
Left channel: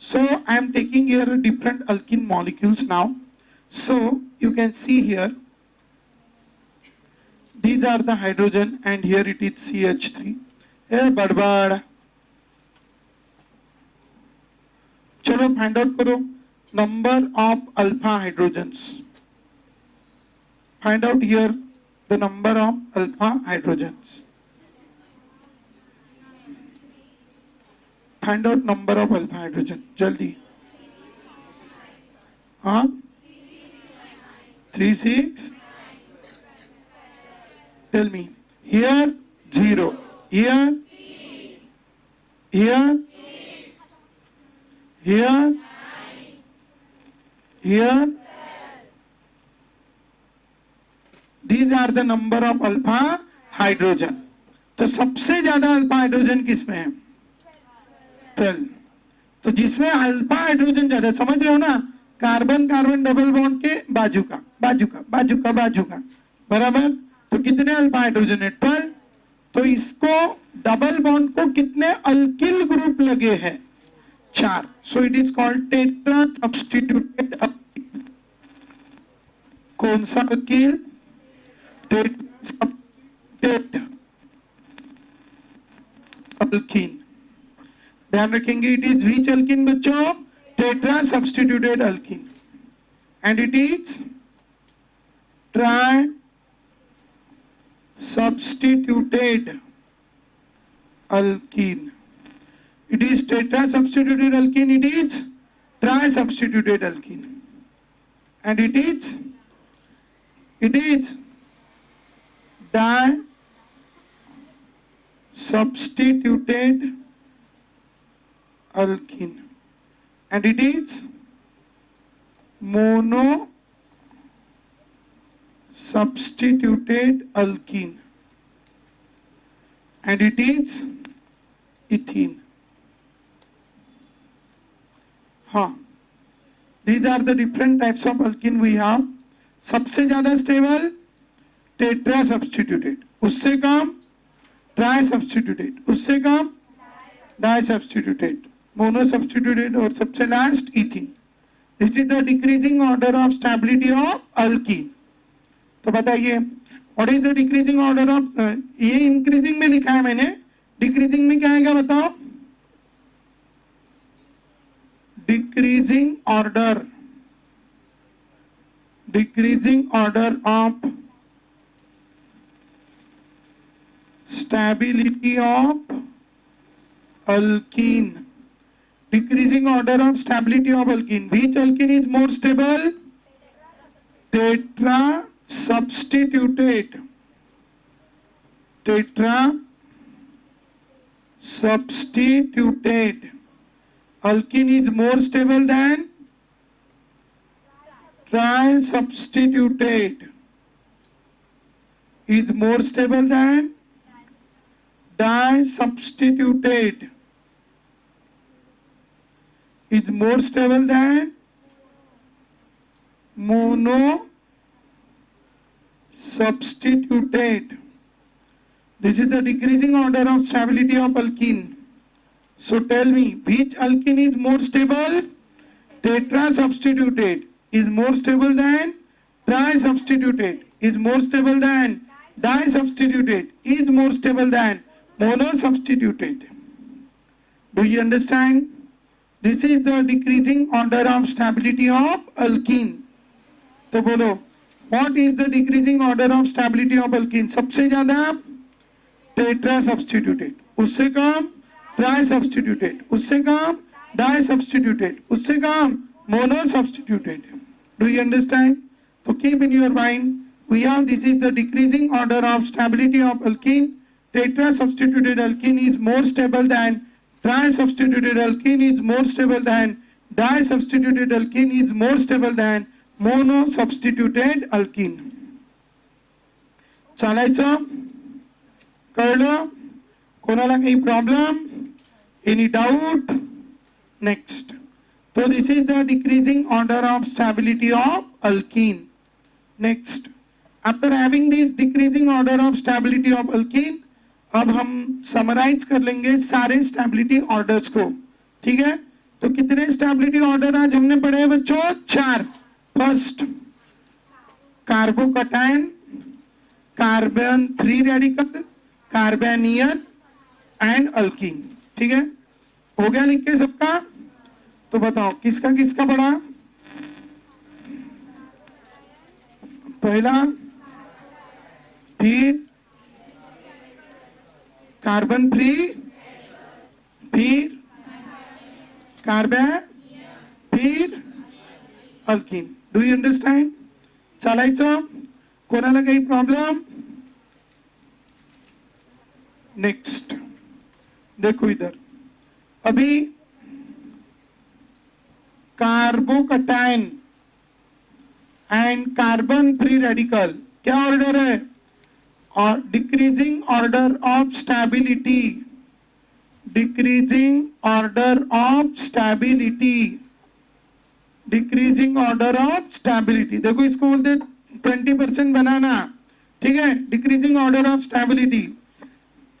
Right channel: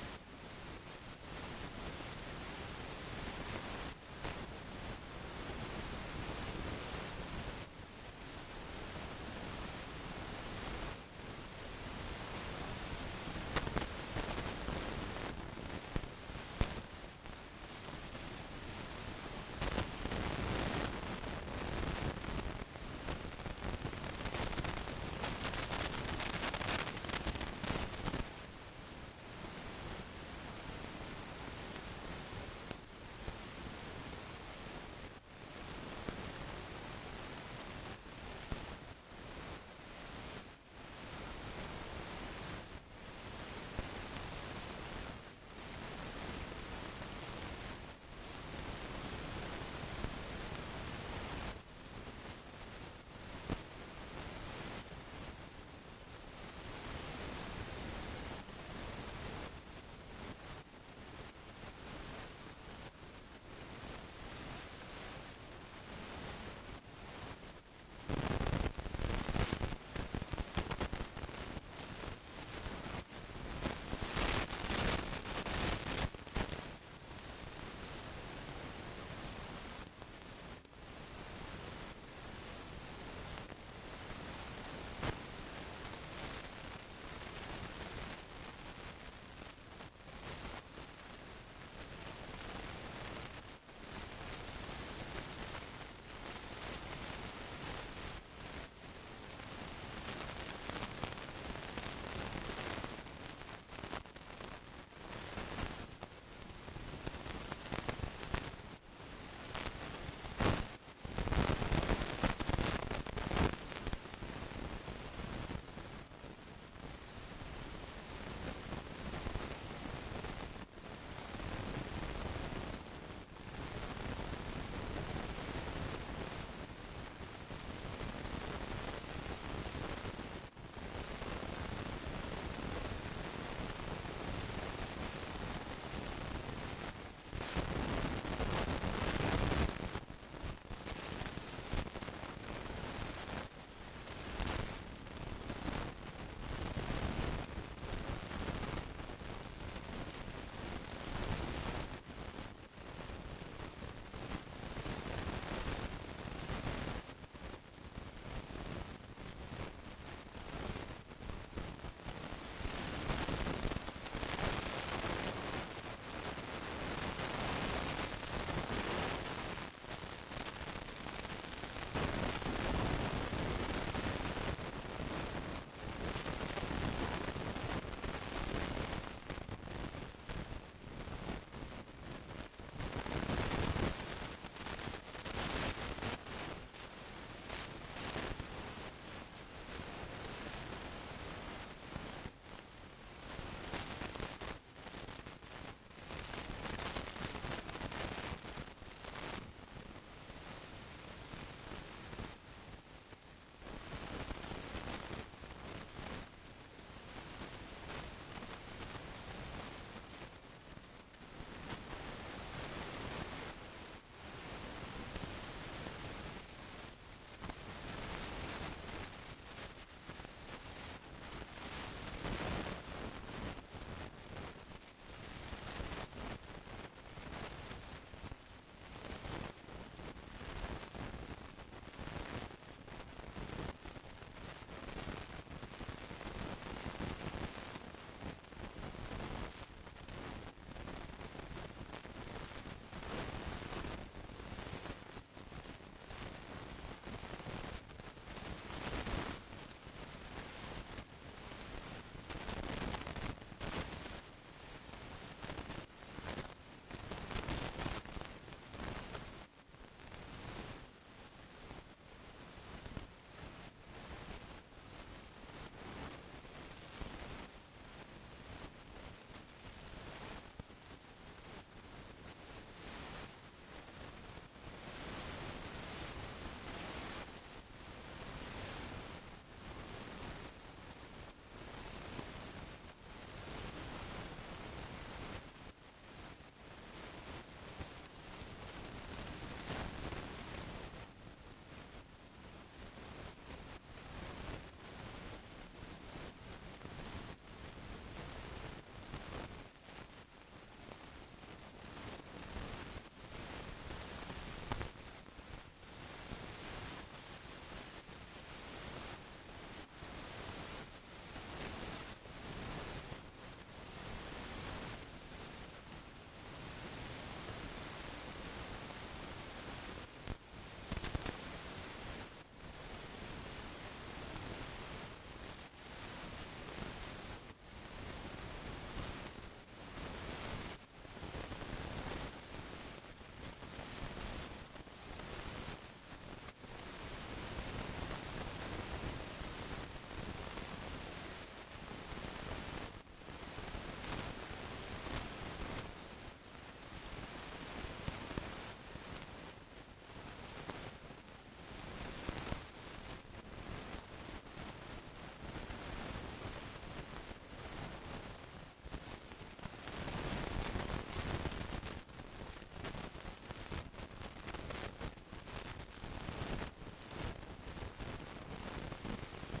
So I am taking here different alkene molecules now. So you can see here, these are the hydrogen and here it is CH3. Hey, badbad. चलो find out करो number of alpha hydrogens. Find out here the number of alpha hydrogens. Find out number of alpha hydrogen जल्दी. हाँ 3 6. Tell me. Here 0. Here here here, here. These are the number of alpha hydrogen. तो सबसे ज्यादा alpha hydrogen किसमें है? चल, तो जिसमें अल्फा हाइड्रोजन ज्यादा, समझ रहे हो ना? कार्बन कार्बन डबल बॉन्ड के बाजू का बाजू का बाजू का बाजू का, बराबर. तो कितने अल्फा हाइड्रोजन है? 12. तो इसको डबल बॉन्ड को कितने अल्किल ग्रुप लगे हैं? 4. So it is called tetra substituted alkene. कौन सा alkene? Tetra substituted alkene. ध्यान रखेंगे. it is which alkene बच्चों? Tetra substituted alkene. And it is tri substituted alkene. It is tetra substituted alkene, it is tri substituted alkene, and it is di substituted alkene, and it is mono substituted alkene, and it is ethene. हाँ, these are the different types of alkene we have. सबसे ज्यादा stable tetra substituted, उससे कम tri substituted, उससे कम die substituted, mono substituted, और सबसे last ethene. This is the decreasing order of stability of alkyne. तो बताइए, what is the decreasing order of? ये इंक्रीजिंग में लिखा है मैंने, डिक्रीजिंग में क्या आएगा बताओ? decreasing order of stability of alkene. Decreasing order of stability of alkene. Which alkene is more stable? Tetra substituted alkene is more stable than tri substituted. is more stable than disubstituted, is more stable than monosubstituted. This is the decreasing order of stability of alkene. So tell me, which alkene is more stable? Tetrasubstituted is more stable than trisubstituted, is more stable than disubstituted, is more stable than monosubstituted. Do you understand? This is the decreasing order of stability of alkene. तो बोलो, what is the decreasing order of stability of alkene? सबसे ज्यादा tetrasubstituted, उससे कम trisubstituted, उससे कम disubstituted, उससे कम monosubstituted. Do you understand? So keep in your mind, we have this is the decreasing order of stability of alkene. Tetrasubstituted alkene is more stable than trisubstituted alkene, is more stable than disubstituted alkene, is more stable than monosubstituted alkene. चालायचं? कळलं? कोणाला काही problem? Any doubt? Next. So this is the decreasing order of stability of alkene. Next. After having this decreasing order of stability of alkene, अब हम summarise कर लेंगे सारे stability orders को. ठीक है? तो कितने स्टेबिलिटी ऑर्डर आज हमने पढ़े हैं बच्चों? 4. First, carbocation, carbon free radical, carbanion and alkene. ठीक है? हो गया लिख के सबका? तो बताओ किसका किसका पढ़ा? पहला, फिर कार्बन फ्री, फिर कार्बन, फिर अल्कीन. Do you understand? चालायचं? कोणाला काही प्रॉब्लेम? नेक्स्ट देखो इधर. अभी carbocation and carbon free radical क्या ऑर्डर है? और decreasing order of stability, decreasing order of stability, decreasing order of stability. देखो इसको बोलते 20% बनाना. ठीक है? Decreasing order of stability.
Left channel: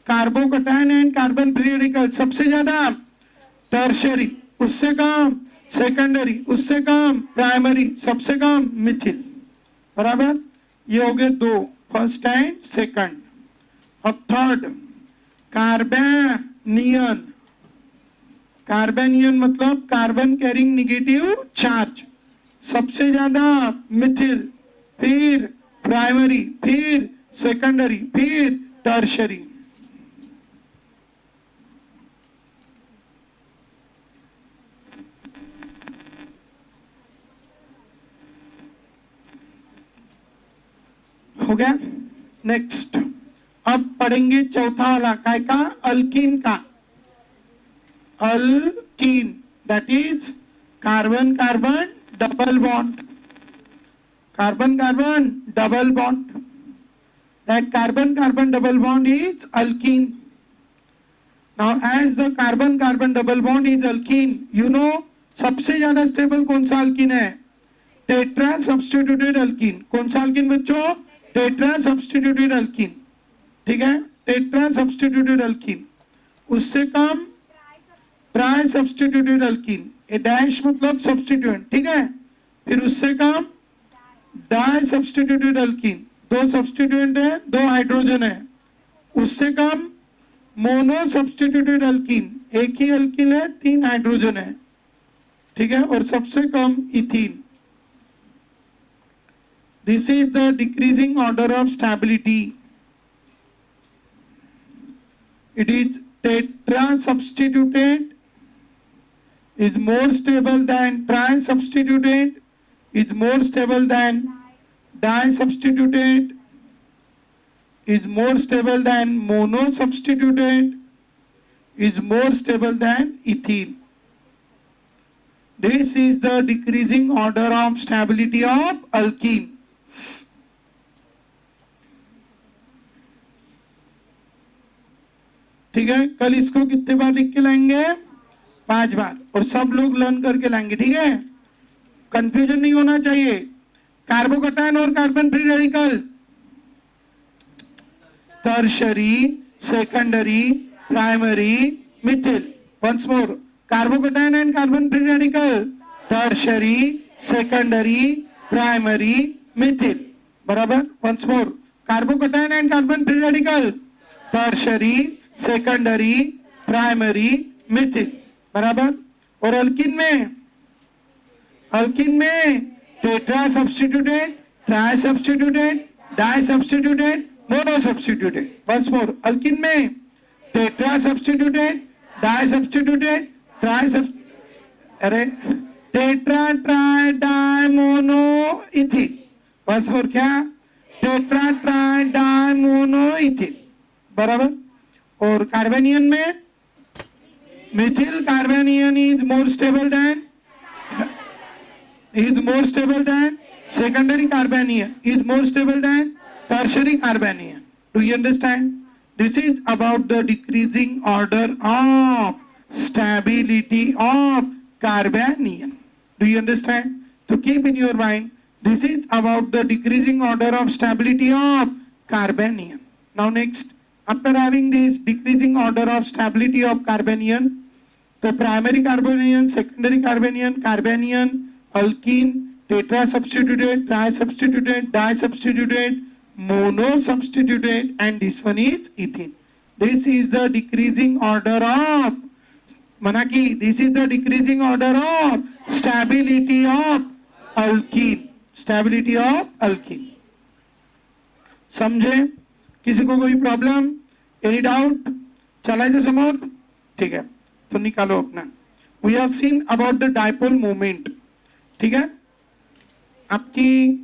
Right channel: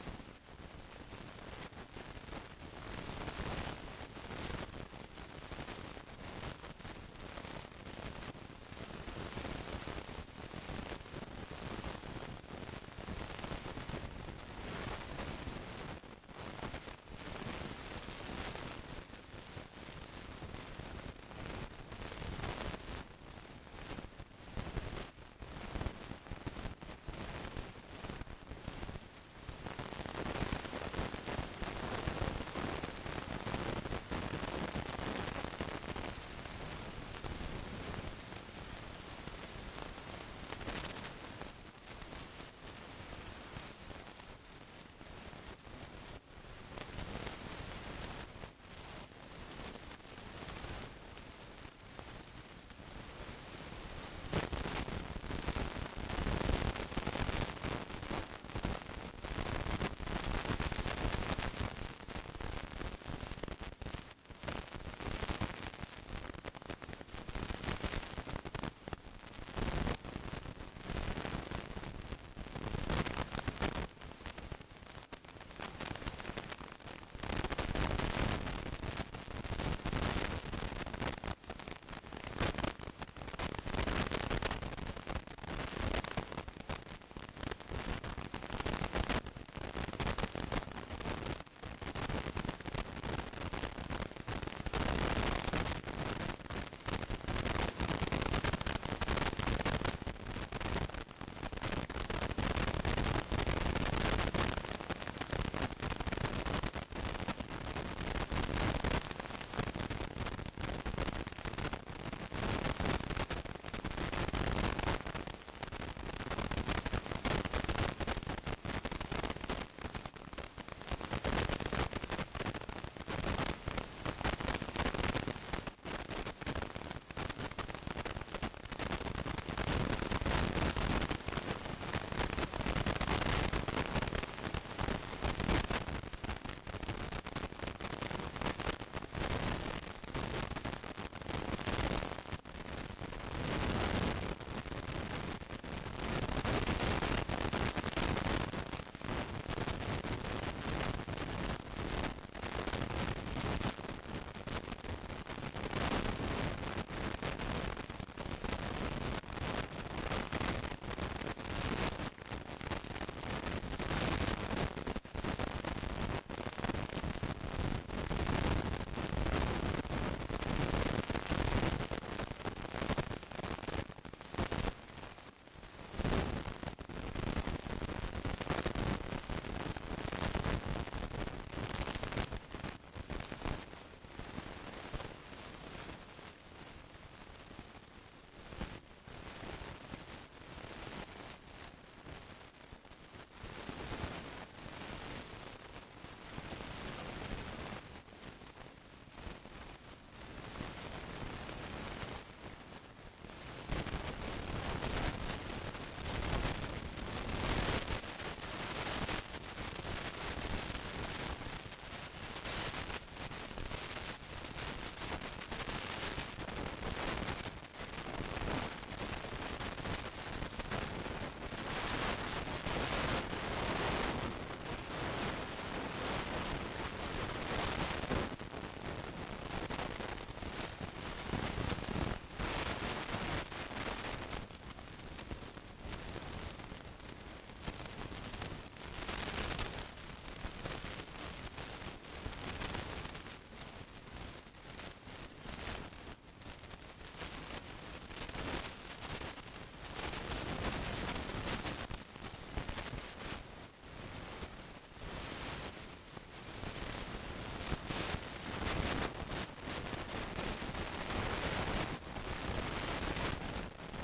Carbocation and carbon free radical सबसे ज्यादा टर्शियरी, उससे कम सेकेंडरी, उससे कम प्राइमरी, सबसे कम मिथिल. बराबर? ये हो गए 2, फर्स्ट एंड सेकंड. अब थर्ड, कार्बेनियन. कार्बेनियन मतलब कार्बन कैरिंग नेगेटिव चार्ज, सबसे ज्यादा मिथिल, फिर प्राइमरी, फिर सेकेंडरी, फिर टर्शियरी. हो गया? नेक्स्ट. अब पढ़ेंगे चौथा वाला काय का? अल्कीन का. Alkene that is carbon carbon double bond, carbon carbon double bond. That carbon carbon double bond is alkene. Now as the carbon carbon double bond is alkene, you know सबसे ज्यादा stable कौन सा alkene है? Tetra substituted alkene. कौन सा alkene बच्चों? Tetra substituted alkene. ठीक है? Tetra substituted alkene. उससे कम ट्राई सब्स्टिट्यूटेड अल्कीन. ये डैश मतलब सब्स्टिट्यूएंट. ठीक है? फिर उससे कम डाई सब्स्टिट्यूटेड अल्कीन. 2 सब्स्टिट्यूएंट है, 2 हाइड्रोजन है. उससे कम मोनो सब्स्टिट्यूटेड अल्कीन. एक ही अल्कीन है, 3 हाइड्रोजन है. ठीक है? और सबसे कम ethene. This is the decreasing order of stability. It is tetrasubstituted, is more stable than trisubstituted, is more stable than disubstituted, is more stable than monosubstituted, is more stable than ethene. This is the decreasing order of stability of alkene. ठीक है, कल इसको कितने बार लिख के लाएंगे? 5 बार, और सब लोग लर्न करके लाएंगे, ठीक है? कंफ्यूजन नहीं होना चाहिए। कार्बोकैटायन और carbon free radical, tertiary, secondary, primary, methyl. Once more, carbocation and carbon free radical, tertiary, secondary, primary, methyl. बराबर? Once more, carbocation and carbon free radical, tertiary, secondary, primary, methyl. बराबर? और alkene में, tetra substituted, tri substituted, di substituted, mono substituted. Once more, alkene में tetra substituted, di substituted, tri sub, अरे tetra, tri, di, mono, ethyl. Once more, क्या? Tetra, tri, di, mono, ethyl. बराबर? और कार्बेनियन में Mithil कार्बेनियन is more stable than secondary carbanion, is more stable than tertiary carbanion. Do you understand? This is about the decreasing order of stability of carbanion. Do you understand? So keep in your mind, this is about the decreasing order of stability of carbanion. Now next, after having this decreasing order of stability of carbanion, the primary carbanion, secondary carbanion, alkene, tetra substituted, tri substituted, di substituted, mono substituted, and this one is ethene. This is the decreasing order of Manaki. This is the decreasing order of stability of alkene. Stability of alkene. समझे? किसी को कोई problem, any doubt? चलाइए समोर, ठीक है, तो निकालो अपना। We have seen about the dipole movement, ठीक है? आपकी